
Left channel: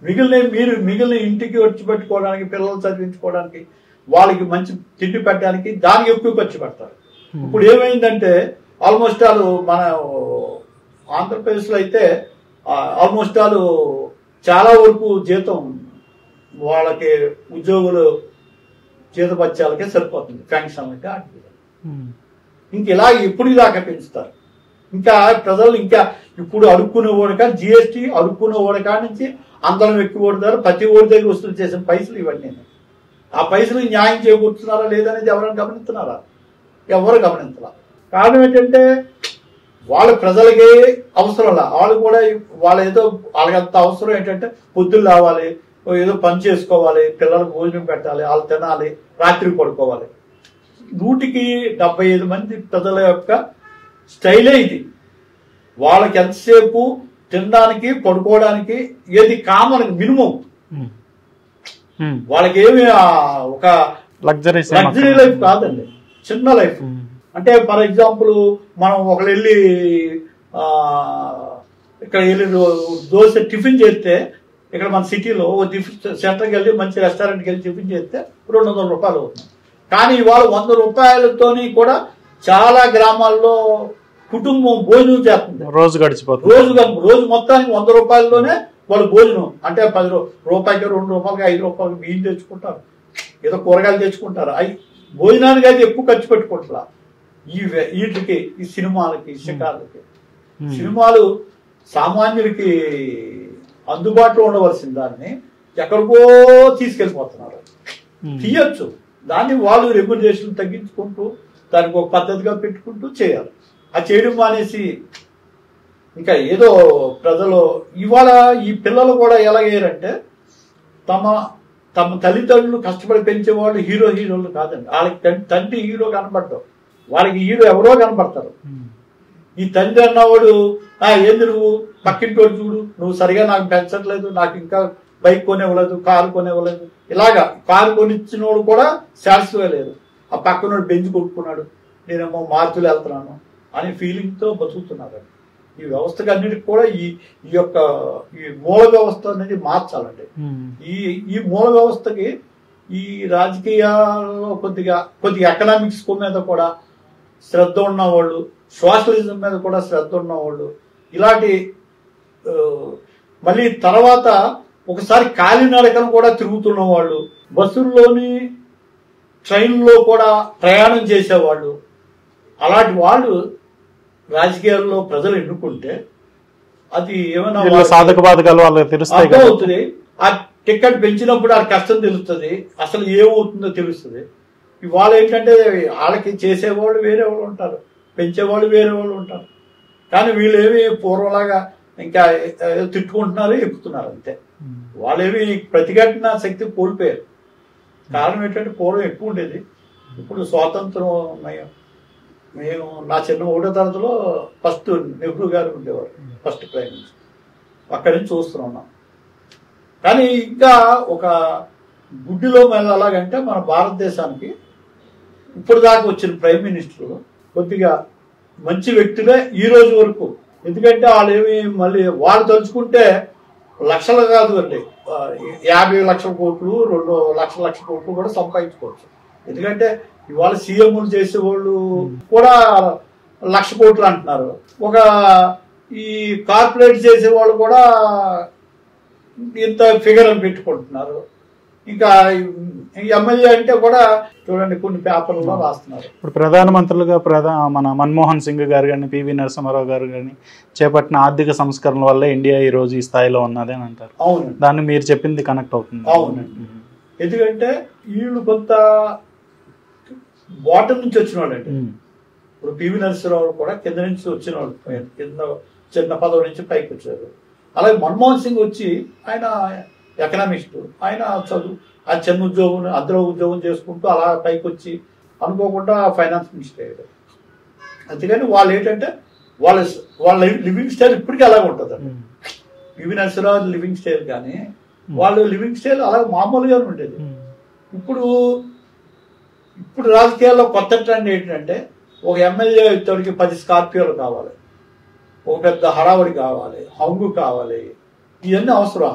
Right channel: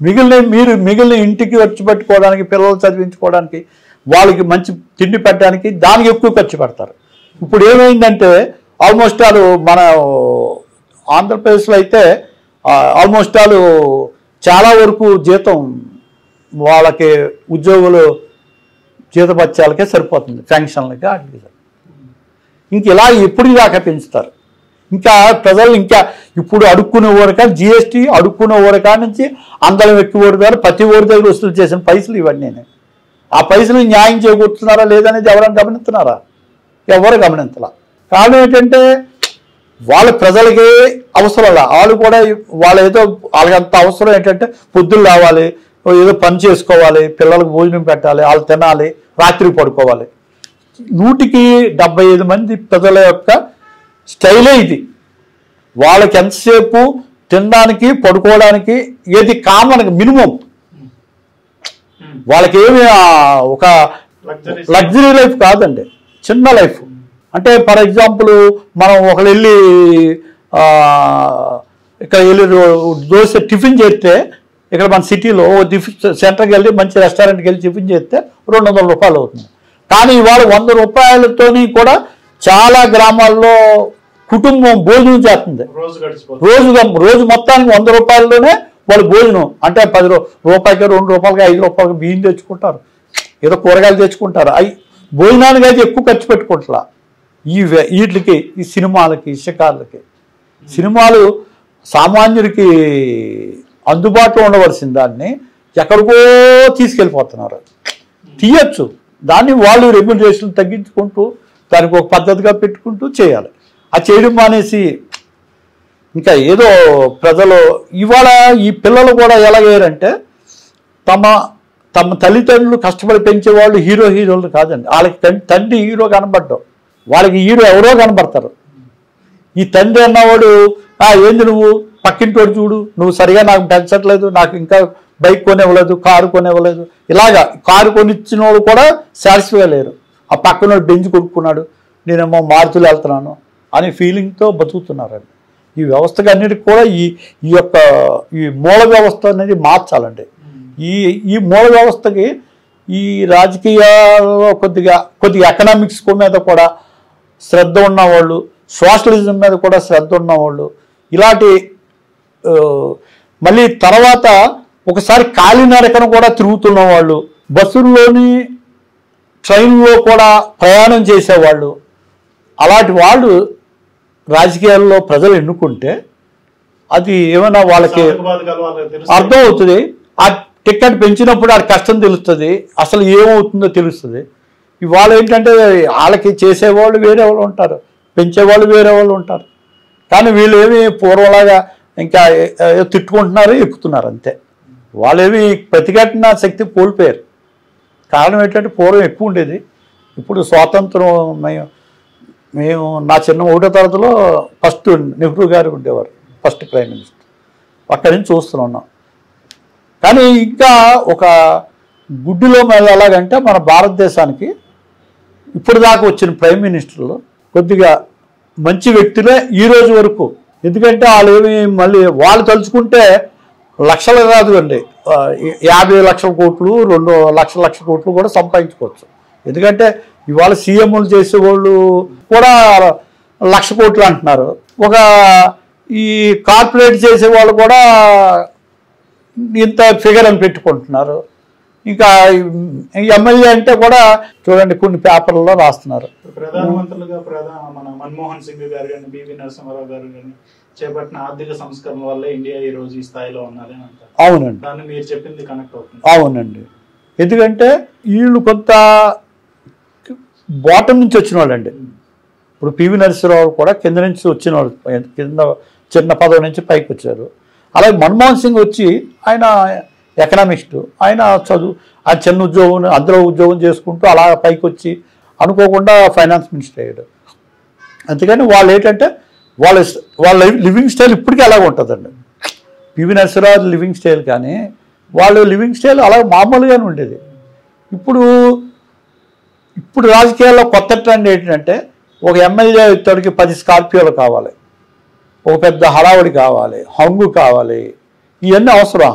మిగిలిన ఇంటికి ఖర్చు పెట్టుకోవడానికి, పిల్లలు చదివించుకోవడానికి, వాళ్ళకి మంచి తిండి పెట్టడానికి దానికి ఎక్కువ ఖర్చు పెడతారు. ఇప్పుడు ఏమైందంటే ఆల్మోస్ట్ వాళ్ళు మన ఆంధ్రప్రదేశ్లో అయితే ఆల్మోస్ట్ వాళ్ళు చాలా వరకు జీతం వాళ్ళకి ఉద్యోగులు జీతభత్యాలకే సరిపోతుంది, శాంక్షన్లకి వాటికి. ఇంక ఇలా ఎప్పుడు దాకా పెంచుతారు. ఇంకా ప్రజలు ఇంకా ఇప్పుడు అడుక్కునే ఓడక జిఎస్టీ అడుక్కునే ఓడకా నుంచి అందరం ఎక్కువ ఓడిగారు, ప్రతి ఓడి దగ్గర వసూలు చేసిన పైసలు ఇవన్నీ. ఆ పైసలు న్యాయం చేకూరుతున్నారా లేదనేది ఎవరైనా గమనిస్తున్నారా? ఎవరు గమనించాల. కారణం ఏంటంటే వాళ్ళ ప్రజలకి అవసరం. వాళ్ళు కూడా వాళ్ళకి అంత అవసరం ఏంటంటే పొద్దులు రావాలి, ఏదో పని చేసుకోవాలి, పిల్లలకు భోజనం పెట్టాలి, వాళ్ళు తినాలి, రాత్రి పడుకోవాలి. 175 మంది ప్రజల యొక్క స్టైలే ఇది. వాళ్ళకి ఎంతసేపు తినడానికి పడుకోవడానికి ఏది కామన్ మినిమం. వాళ్ళకి ఏమి ఒక లగ్జరీ లైఫ్ కాదండి, చిన్న లైఫ్. అంటే ఫర్ ఎగ్జాంపుల్ మనం ఒకళ్ళు వెళ్ళి ఇక్కడ వెళ్ళి దోశ టిఫిన్ చేస్తే, ఇక్కడ మన సిటీలో సెంటర్కి వెళ్ళి మంచి రెస్టారెంట్కి వెళ్ళి టిఫిన్ చేస్తే 200 రూపాయలు అవుతుంది. కానీ ఇవాళ 100 రూపాయలతోని కూడా చాలా గ్రామాల్లో కుటుంబం భోజనం చేస్తుంది. రోజు గడిచిపోతుంది. రోజు మొత్తానికి 100 రూపాయల్లోనే వాళ్ళు భోజనం. అంటే 10 రూపాయలకి, 2 రూపాయలకి, 5 రూపాయలకి బియ్యం తెచ్చుకుంటారు, ఏదో కూరగాయలు తెచ్చుకుంటారు. భోజనానికి అయితే ఎక్కువ ఖర్చు పెట్టుకుంటా. వీటికి, ఈ సినిమాలకి, షికార్లకి. సినిమాలు సామాన్యుడికి అందుబాటులో ఉండవలసిన దాన్ని ఎక్కడికో తీసుకెళ్ళిపోతున్నారు. తీయచ్చు, దాన్ని వాళ్ళు రెగ్యులేషన్ తగ్గించుకుంటూ దానికి ఒక పద్ధతిగా పెట్టుకుంటూ చేయాలి. అది చేయడం మానేసి ఇంకా ఏదో ప్రజలు ఇవాళ ఈ పిల్లలు కూడా ఎలాగయ్యారంటే తమ తల్లిదండ్రులు కష్టపడి పెంచేవాళ్ళు హీరోలు కాదండి. వాళ్ళకి తండ్రి హీరో కనబడ్డావు, వాళ్ళకి హీరో ఎవరో కనబడతారు. ఈ తండ్రి అన్నవాడు ఏంది నువ్వు పక్కింటోడు చూడు, నువ్వు సరిగా నాకు పెంచట్లేదు, నాకు ఇంకా బైక్ కొనివ్వలేదు, కారు కొనివ్వలేదు. ఇలాగా కారు కొనిచ్చిన వాడు కూడా సాటిస్ఫై లేరు. ఆ పక్కన బెంచ్ కొనుక్కున్నాడు, నేనేమో మారుతులు వెళ్తున్నాను అనే ఫీలింగ్తో బతుకుతున్నారండి. ఈ వ్యవస్థకి అన్నిటికి కూడా ఈ యొక్క ఈ మూల వ్యవస్థ అనేది మార్చాలండి. ఈ మూల వ్యవస్థకి ఈ రాజకీయాల్లో కొద్దిగా ఎకనామిక్స్ మీద కూడా శ్రద్ధ ఉన్నవాళ్ళు, సోషలిజం మీద కూడా శ్రద్ధ ఉన్నవాళ్ళు, ఇలాంటి మళ్ళీ తర్వాత ఒకసారి కాలినడకన కూడా తిరుగుతున్న వాళ్ళు, బస్సుల్లోని ట్రైన్లో కూడా ప్రయాణం చేసేవాళ్ళు, అలాంటి వాళ్ళు రాజకీయాల్లో ప్రజలు ఎన్నుకుంటే అది ఏమైనా వాళ్ళ సాధక బాధకాలు వాళ్ళకి తెలుస్తాయి, అర్థం అవుతుంది. ఆ టికెట్ పెంచినప్పుడు ఆ కష్టం తెలుస్తుంది, అసలు ఏమవుతుందో తెలుస్తుంది. ఇవాళ ఏంటంటే వాళ్ళకి చేసేవాళ్ళు వేరే వాళ్ళు ఉంటారు, పెంచేవాళ్ళు వేరే వాళ్ళు ఉంటారు. కానీ వీళ్ళు ఏమి పూర్వలాగా ఇంకా తిట్టుకుంటున్నారు, ఎక్కుతున్నారు అంతే. వాళ్ళేమి ప్రతిఘటన శక్తి కోల్పోయారు. కారణం ఏంటంటే పూర్వం ఎక్కువ ఉండేది, ఇప్పుడు స్వాతంత్రం మేము నా చిన్న 1వ తరగతిలో ఫస్ట్ నెహ్రూ గారు ఉండేవారు, ఫస్ట్ ప్రైమ్ మినిస్టర్. అక్కడి నుంచి చూస్తున్నాం. కానీ ఇంకా ఒక గుడ్డిలో మీద ఎలాగంటే మన భారతదేశానికి ఇప్పుడు దాకా వచ్చిన ప్రైమ్ మినిస్టర్లు కొద్దిగా మంచి వ్యక్తులే ఈ రోజు వరకు. ఎందుకంటే వాళ్ళు ఏమి మళ్ళీ వాళ్ళు తలుచుకుంటే లక్షలు కాదు అండి, 50 లక్షల కోట్లు 2 లక్షల కోట్లు కూడా సంపాదించుకోవచ్చు. ఎందుకంటే ఇవాళ సీఎంలు చేసేవాళ్ళు కూడా 1,00,000 కోట్లు అంటున్నారు, ఒక ఈ కార్పొరేట్ చేసేవాళ్ళు కూడా ఇంత ఫిగర్ అని పెట్టుకుంటున్నారు. ఇంకా ఎమ్మెల్యే అంటే కూడా చూడండి కొన్ని పేపర్లలో రాస్తున్నారు. ఇప్పుడు ప్రధానమంత్రులుగా మన మన్మోహన్ సింగ్ గారు కానీ, పివి నరసింహారావు గారు కానీ చేపట్టిన ఆర్థిక సంస్కరణల వల్ల ఇండియా ఈ రోజు ఈ స్థాయిలో ఉన్నది అని అంటారు. అవునండి, దాన్ని మీరు చెప్పింది కనెక్ట్ అవుతుంది. అవునండి. ఎందుకంటే వీళ్ళు కొంత బాటం నుంచి వచ్చిన వాళ్ళండి. ఇప్పుడు పివి నరసింహారావు కూడా కింద నుంచి వచ్చిన వాళ్ళు, కింద చిన్న పదవి నుంచి పైకి వచ్చారు. అలాగే మన్మోహన్ సింగ్ వచ్చి ఆయన ఎకనామిస్టు, ఆయన చదువు ఆ చిన్న ఉద్యోగం అందులో ఉద్యోగం చేసుకుంటూ అలా పైకి వచ్చి అనుకోకుండా ఫైనాన్స్ మినిస్టర్ అయ్యాడు. అందుకని వాళ్ళు ఏంటంటే వాళ్ళ లివింగ్ స్టైల్ ఇప్పటికీ అలాగే ఉంటుందండి. పివి నరసింహారావు లివింగ్ స్టైల్ కానీ వాళ్ళ లివింగ్ స్టైల్ అలాగే మామూలుగానే ఉండేది. ఇప్పుడు రాజకీయాల్లో కొత్త ట్రెండ్ ఏంటంటే ఒక ఎమ్మెల్యే ఇతడికి 10 స్కార్పియోలు కావాలి, ఒక పెద్ద హడావుడి కావాలి, హంగు కావాలి, ఇవన్నీ అవసరం.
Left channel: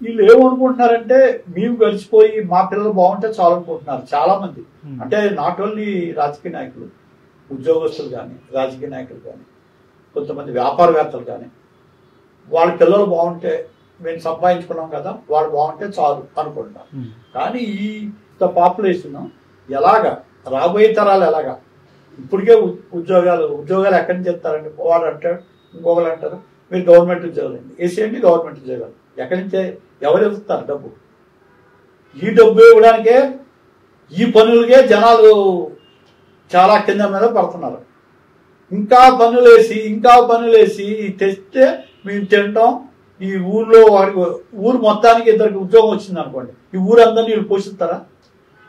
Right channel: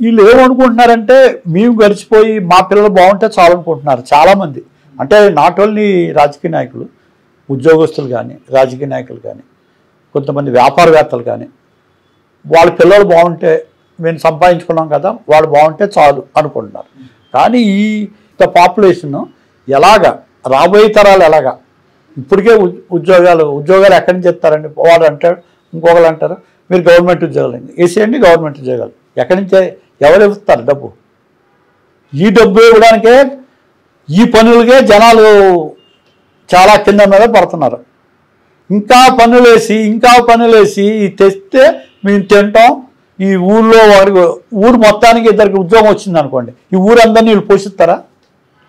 వీళ్ళు ఏమనుకుంటున్నారంటే మేము గడిచిపోయి మా పిల్లలు బాగుంటే చాలు అనుకుంటున్నారు చాలామంది. అంటే నాట్ ఓన్లీ రాజకీయ నాయకులు, ఉద్యోగస్తులు కానీ, రాజకీయ నాయకులు కానీ, కొంతమంది వ్యాపారవేత్తలు కానీ, వాళ్ళ పిల్లలు బాగుంటే మేము సంపాదించుకున్నాం కదా, వాళ్ళు బాగుంటే చాలు అనుకుంటున్నారు. కానీ ఈ పాపులేషన్ ఎలాగా రాబోయే తరాలు ఎలాగా ఇప్పటికే ఉద్యోగాలు ఎక్కడి నుంచి చెప్తారండి. వాడు అంటాడు, ఇంకొకరు అంటారు మీరు గవర్నమెంట్ ఉద్యోగాలు వేసేయండి, గవర్నమెంట్ ఉద్యోగాలు ఎక్కడి నుంచే ఎవరు ఇస్తారు డబ్బు? ఈ డబ్బు ఇవ్వడానికే ఈ పనులకే జనాలు చాలా కింద మీద పడుతున్నారు. ఇంకా పనులు వేసి తెస్తే మేము తింటాం. ఈ ఊళ్ళో ఊరు మొత్తానికి 2 ఉద్యోగం వచ్చింది అనుకోండి, ఈ ఊరందరినీ వీళ్ళు పోషిస్తారా?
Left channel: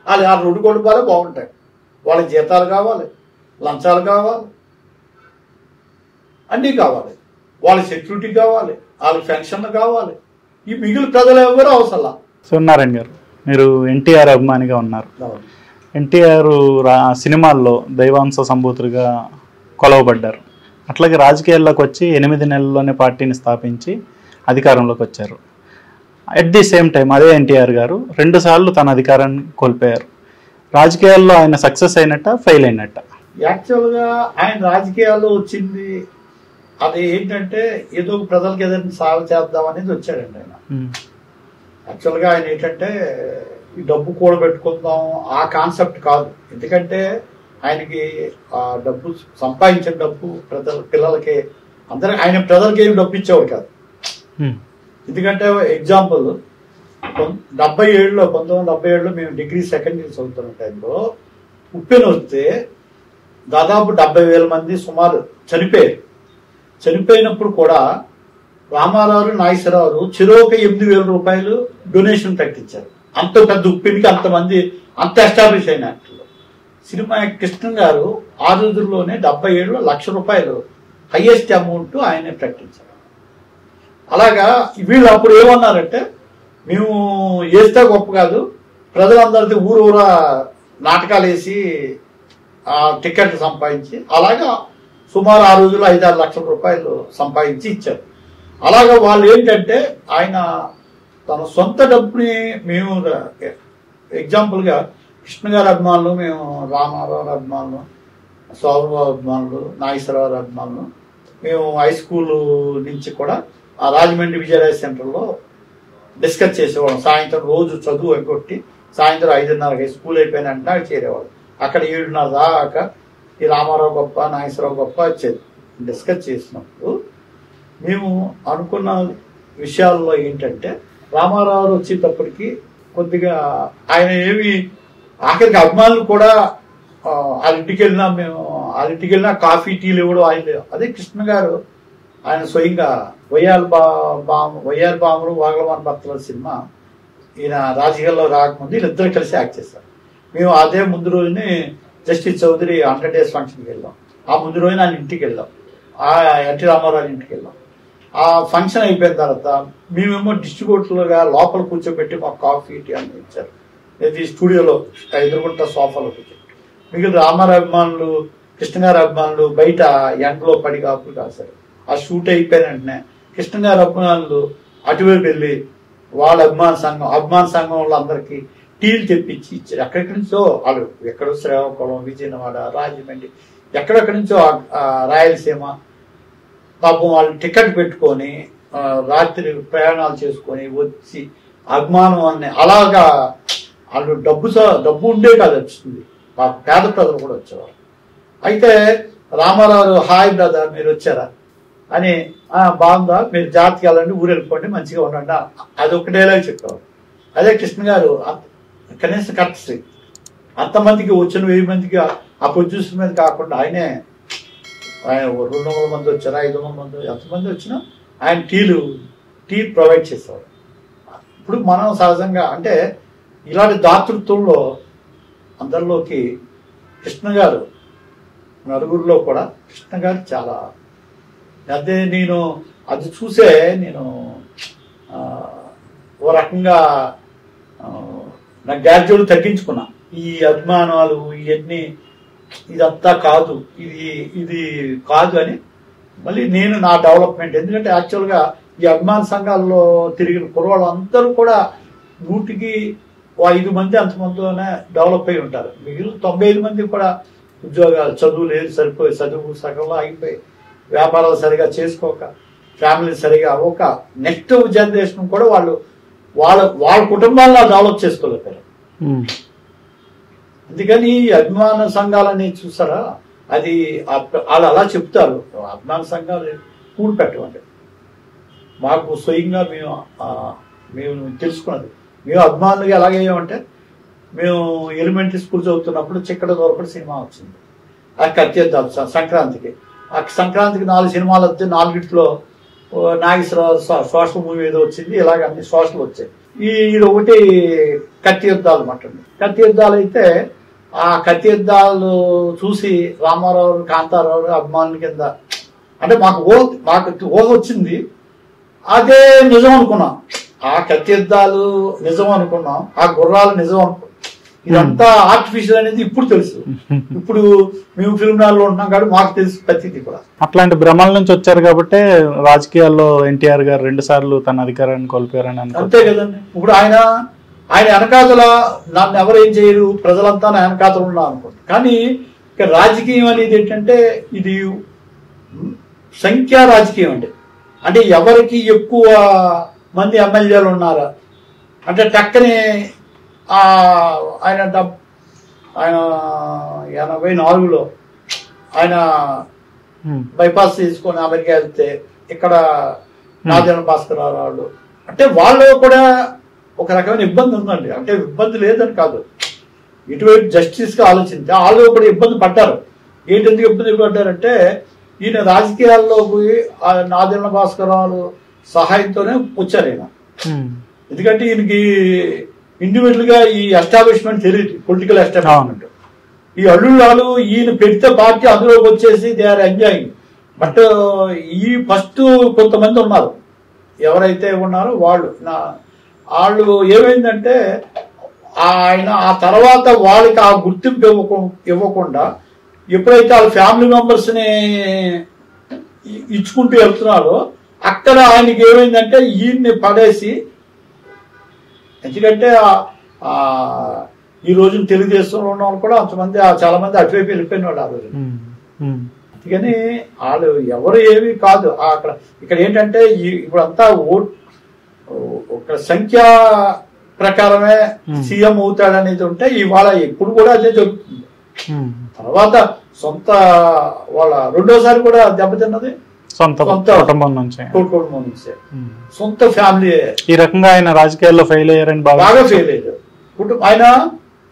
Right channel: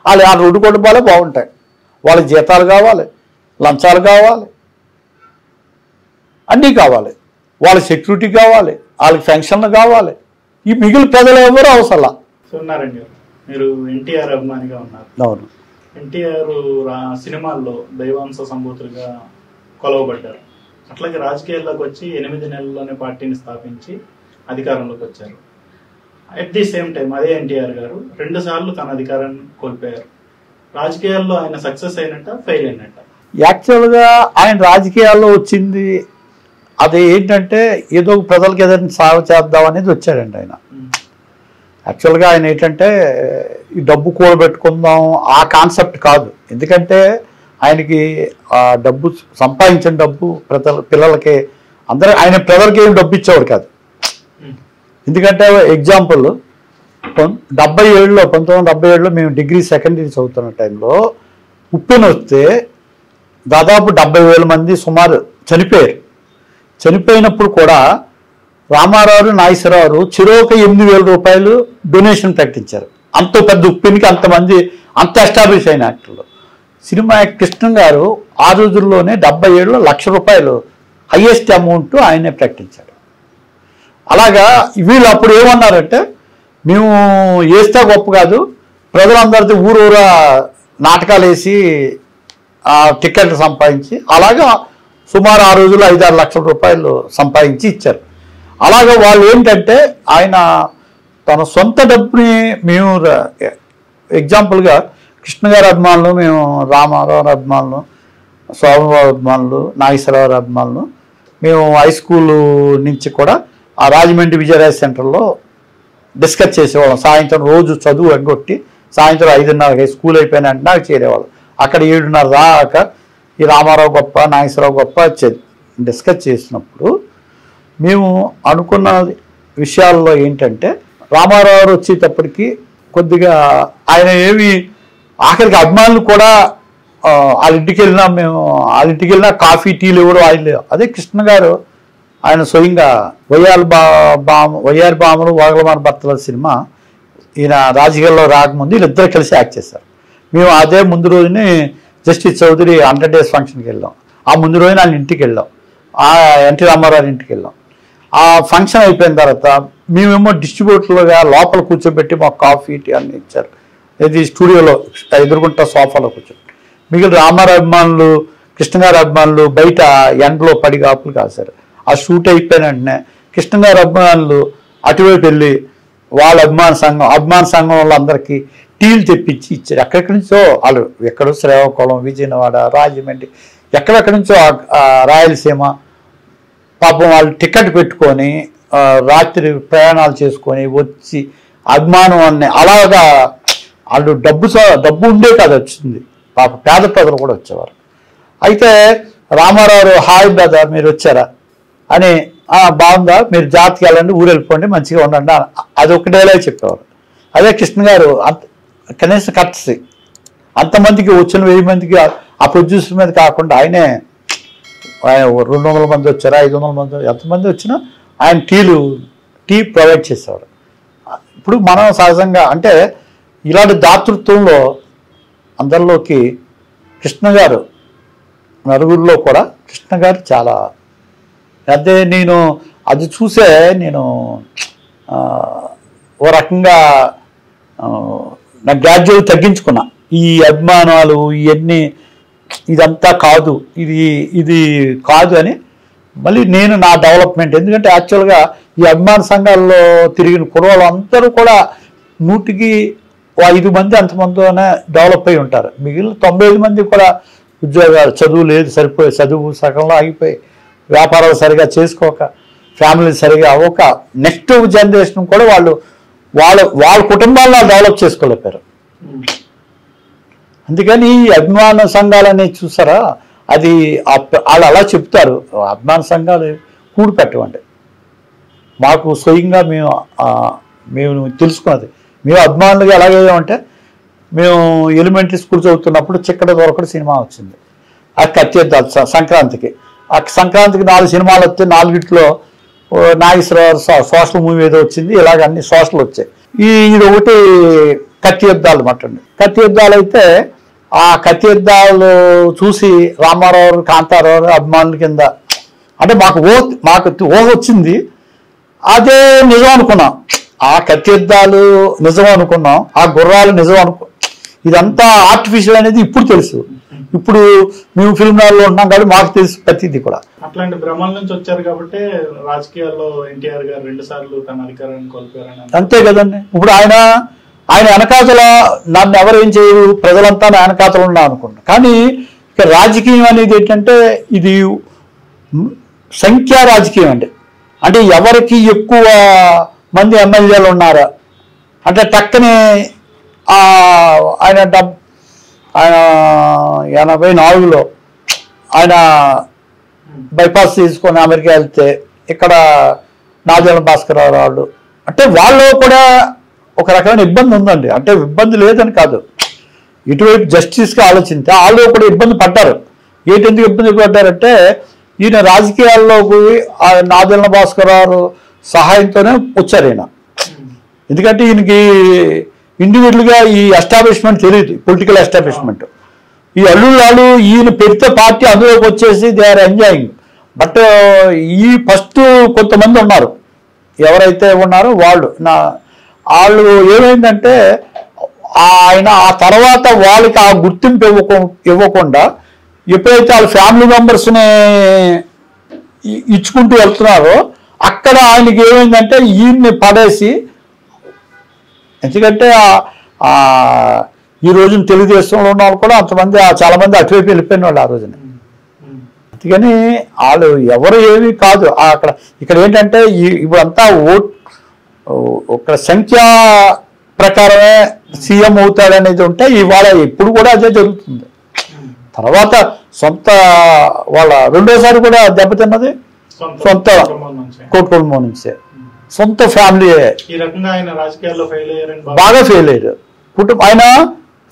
వాళ్ళు ఆ 2 కుటుంబాలే బాగుంటాయి. వాళ్ళకి జీతాలు కావాలి, లంచాలు కావాలి, అన్నీ కావాలి, వాళ్ళకి సెక్యూరిటీ కావాలి, వాళ్ళకి పెన్షన్లు కావాలి. ఈ మిగిలిన ప్రజలు ఎవరు అవసరం. సూర్యనారాయణ గారు, మీరు ఎన్టీఆర్ అభిమానిగా ఉన్నారు. అవును. ఎన్టీఆర్ సినిమాల్లో దైవాంశ సంభూతులుగా కొలవబడ్డారు. అట్లాగే రాజకీయాల్లోకి వచ్చి 8 నెలల్లోనే పార్టీని స్థాపించి అధికారంలోకి వచ్చారు. అట్ ది సేమ్ టైం అదే ఎన్టీఆర్ గారు 2 సార్లు తన అధికారాన్ని కోల్పోయారు. రాజకీయాల్లో ఆయన సక్సెస్ అయినట్ట, ఫెయిల్ అయినట్ట? యాక్చువల్గా ఆయన రాజకీయాల్లో వచ్చింది అది ఏంటంటే ఏదో ప్రజలకు ఏదైనా సేవ చేద్దాం అనేది వచ్చాడండి ఆయన. యాక్చువల్గా ఆయన ఏంటంటే ఈ డబ్బు కూడబెట్టుకుందాం ఆ కాన్సెప్ట్ కాదు. ఎందుకంటే ఆయనకి ఆ డబ్బు సంపాదించిన డబ్బు పిల్లలకి అందరూ ఆయన ప్రజలకి ఏం డబ్బు ఇచ్చేవాడు కాదు. ఎందుకంటే ఎగ్జాంపుల్ 1977లో మేము డిగ్రీ సెకండ్ ఇయర్ చదువుతున్న టైంలో ఉప్పెన వస్తే దాదాపు 70,000 మంది సుమారు చనిపోయారు. చనిపోయినప్పుడు కూడా రామారావు, నాగేశ్వరరావు చెరొక 8,000 రూపాయలు డొనేషన్ ప్రకటించారు. అంత పెద్ద ఉప్పెనికి అంతమంది అంత ఎస్టాబ్లిష్ అయిన యాక్టర్లు. సినిమా కృష్ణ గారు ఆ రోజుల్లోనే 77లో 1,00,000 రూపాయలు హైయెస్ట్ అమౌంట్ ఆయనే ప్రకటించాడు. అలాగా వీళ్ళు అప్పుడు ఏమన్నారంటే మేము వేస్తే గొప్ప కాదు, ప్రజలందరితో ఊరూరా నాటకాలు వేసి టికెట్లు సంపాదించి అలాగా సుమారు ఆ రోజుల్లో 5-6 లక్షల రూపాయలు సంపాదించి ఇచ్చారు. అలాగే వాళ్ళు ఏంటంటే ఆయన తన సొంత డబ్బుని మేము ఎగ్జాంపుల్గా కృష్ణ గారి అభిమానులు, మేము రామారావు అభిమానులు, శోభనబాబు అభిమానులు, నాగేశ్వరరావు అభిమానులు, మేము హై స్కూల్ నుంచి కూడా ఆ రాజమండ్రి విజయరాజ్ సెంటర్లో డిస్కస్ చేసేవాళ్ళం. సాయంత్రం రోజు చదువు ఎగ్గొట్టి సాయంత్రం 5:30కి స్కూల్ అయిపోయిన వెంటనే చేరేవాళ్ళం. అక్కడ 7:30 దాకా ఈ రామారావు గొప్ప, నాగేశ్వరరావు గొప్ప డిస్కస్ చేసినప్పుడు మేము అనుకున్న విషయాల్లో ఏంటంటే రామారావు వచ్చేటప్పటికి కొద్దిగా ఆయన ఏమి ఆఖరికి అభిమానులు కూడా వాళ్ళ ఇంటికి వెళ్ళినా కాఫీ టీలు ఇవ్వడం ఆయన లేవు. అదే కృష్ణ గారు ఆయన స్వయంగా వయ్యారి బాములు వాగలమాన భర్తల సినిమా ఈయన రాజకీయాల్లో రాకముందు వీళ్ళిద్దరు కలిసి యాక్ట్ చేశారు. మేము అదే ముందు రోజుని జస్టిస్ చౌదరి 100 days ఫంక్షన్కి వెళ్ళాం. ఆ ముందు రోజున ఆయన ఇంటికి వెళ్ళాం, ఆ ఎన్టీ రామారావు ఇంటికి వెళ్ళాం. ఆ ఫంక్షన్ అయిపోయిన తర్వాత మేమేమో డిస్ట్రిబ్యూటర్లుగా లోపల కూర్చోబెట్టి మాకు కాఫీ టీ అన్ని ఇచ్చారు. ఇది స్టూడియోలో ఎదురుకుంటా సోఫాలో కూర్చోబెట్టి. మిగిలిన రామారావు అభిమానులు, కృష్ణ గారి అభిమానులు బయట ఎండలో పడి కాపులు కాశారు. ఆ షూట్ అయిపోయిన వెంటనే కృష్ణ గారి అభిమానులు అటువైపు వెళ్ళి వాళ్ళ అభిమాన సంఘం వాళ్ళందరికీ టీలు తెప్పించి ఇచ్చారు. ఎక్కడెక్కడి నుంచో వాళ్ళు, ఎక్కడో శ్రీకాకుళం, విజయవాడ, రాజమండ్రి, ఎక్కడెక్కడి నుంచో రాయలసీమ పాపం వాళ్ళు టికెట్ పెట్టుకొని రాత్రి ప్రయాణాలు చేసుకొని వచ్చి అభిమానం అనే అలాగా వాళ్ళు డబ్బు ఉండే కాదు వచ్చింది. పాప పేద ప్రజలు కూడా వచ్చేవారు. అయితే రామారావు హాయ్ బ్రదర్ మీరు వచ్చారా అని, బాగుందా, మీరు జాతికి వెళ్ళండి, ఊరు వెళ్ళిపోండి, మంచిగా ఉండండి, అది ఒక డైలాగ్ చెప్పేవారు. అదే కృష్ణ గారు కనీసం కట్సి అంతమందికి వచ్చిన 1000 మందికి ఆ ప్రొడ్యూసర్ మీద కాకుండా ఆయన 200 మంది వచ్చారా, 500 మంది, ఎంతమంది వచ్చినా ఆయన టీ ప్రొవైడ్ చేసేవాడు. ఇప్పుడు మనం సహజంగా అంటే ఇలాంటి దాతృత్వంలో అందరిలోకి కృష్ణ గారు నలుగురిలో కూడా కృష్ణ గారు చాలా అదే నేను అది చూసే నేను ఓ రకంగా నా గ్రాడ్యుయేట్ తగ్గించుకున్నా. ఈ అభిమానాలు ఇవన్నీ ఇదంతా కాదు, ఇది కాదు అని మళ్ళీ నేను నా డెవలప్మెంట్. ఎందుకంటే యాక్చువల్గా ఈ అభిమాన సంఘాల్లో తిరిగిన కుర్రవాళ్ళు అందరూ కూడా 100కి 5 మంది అంతమందితోనే డెవలప్ అయి ఉంటారు. మిగిలిన 95 మంది కూడా ఉద్యోగాలు, చదువు లేదు, సరిపోయి చదువు సగంలో ఆగిపోయి, వ్యాపారాలు సరిగా చేసుకోక, ఫ్యామిలీ సరిగా అవ్వక నెక్స్ట్ జనరేషన్ కూడా వాళ్ళ కుటుంబాల్లో డెవలప్ చేసుకోలేపారు. అందుకని అభిమాన సంఘాలు అనేది చూసారా, అది వాళ్ళు అలా చెప్తారు, అభిమాన సంఘాలు కూడి పెట్టవండి. మాకు స్వయంగా మేము తెలుసుకున్నది, మేము అభిమానులుగా ఎలాగేమంటే మేము ఎలిమెంటరీ స్కూల్ చదువుతున్నప్పుడు చిక్కడ దొరకడు సినిమా వచ్చింది. అది కట్టేద్దాం సంక్రాంతికి. ఆ సంక్రాంతికి 4 సినిమాలు వస్తే 4గిట్లో నాగేశ్వరరావు సోషల్ మూవీ ఏదో వచ్చింది. ఇలాగ అన్ని సోషల్ వచ్చాయి. ఇది ఒకటి కత్తి యుద్ధాలు మట్టండి. కత్తి యుద్ధాలు అయితే ఆ కత్తి యుద్ధాలు చూసి రామారావు, కాంతారావు అభిమానుల కింద అంటే మాకు ఊహ వచ్చింది. అదే నిజం అనుకున్నాం. ఆ కత్తి యుద్ధాలు నిజం అనుకున్నాం, ఆ గుర్రాలు నిజం ఇదంతా ఆర్టిఫిషియల్ అనేది ఇప్పుడు తెలుసు. ఇప్పుడు మేము ఫిల్మ్ నగర్లో ఉంటున్నాం కాబట్టి మాకు తెలుసు ప్రతిదీ కూడా. అట్లాంటి భ్రమల నుంచి వచ్చారు కాబట్టి రాజకీయాల్లో ఎన్టీఆర్ గారు 2 సార్లు తన అధికారాన్ని కోల్పోయారని అంతే కదండి. ఇప్పుడు ఆయన వెనకాతల నన్ను ఎవరేం చేయరు, ప్రజలంతా నా వెనకాతలు ఉన్నా అనుకుంటున్నాను. కానీ ఇక రాజకీయం అనేది ఏంటంటే ఇది సంఖ్యా రాజకీయం అండి. అంటే ఎవరికి ఎక్కువ మంది ఎమ్మెల్యేలు ఉన్నారా అంటే టక్కనే ఆయన 84లో ఆయన బైపాస్ తీసుకొని అమెరికా వెళ్తే ఇక్కడ నాదెళ్ల భాస్కర్ రావు అంటే వాళ్ళు కూడా ఒక రకమైన ఇబ్బంది ఉందండి. అంటే ఇబ్బంది లేదని కాదు, ఇటువైపు జస్టిస్గా ఆలోచిస్తే వాళ్ళు కూడా ఇబ్బంది పడ్డారు. ఎందుకు ఇబ్బంది పడ్డారంటే ఈయన రాజకీయాల్లోకి నాదెళ్ల భాస్కర్ రావు సహాయంతోనే వచ్చారు ఈయన. ఎందుకంటే ఈయనకి ఇండివిజువల్గా ఈ ఎస్టాబ్లిష్మెంట్ తెలియదు, పొలిటికల్ ఎస్టాబ్లిష్మెంట్. ఈ అల్లుళ్ళు ఈయన పెడితే పార్టీ అందులోకి వచ్చేసి దే ఆర్ ఎంజాయింగ్. బట్ ఈ ఫస్ట్ కొంతమంది ఉన్నారు, ఎవరైతే ఉన్నారో వాళ్ళు ఏమైందంటే ఆయన ఆ తర్వాత వాళ్ళకి ఆ గుర్తింపు ఇవ్వకుండా ఎప్పుడైతే వాళ్ళ ఫ్యామిలీ మెంబర్స్ని ఇచ్చుకుంటూ వెళ్తున్నారో అక్కడ ఆయనకి ఏమైందంటే ఈయన్ని పడేసి, ఎందుకంటే ఈ రోజున తెలుగుదేశంలో ఉన్న వాళ్ళు కూడా అంతమంది చాలా మంది అటువైపు వెళ్ళిపోయిన వాళ్ళు ఆ రోజున. అందుకని వాళ్ళు ఎవరు ఏమీ కాదు అక్కడ. ఇక్కడ ఏంటంటే ఇప్పుడంతా ఒక సంఖ్య ప్రకారమే సీఎం అవుతాడనేది ఉంటే ఇవాళ ఎప్పుడు కూడా అదే జరుగుతుంది. తర్వాత సొంత వాళ్ళ రెండోసారి కూడా దెబ్బతిన్నది సొంత కుటుంబం నుంచే, సొంత ఫ్యామిలీ. ఈ రకంగా ఆయన రాజకీయాల్లో ఫెయిల్ అయ్యారని బాగా ఫెయిల్ అయ్యారు. ఆయన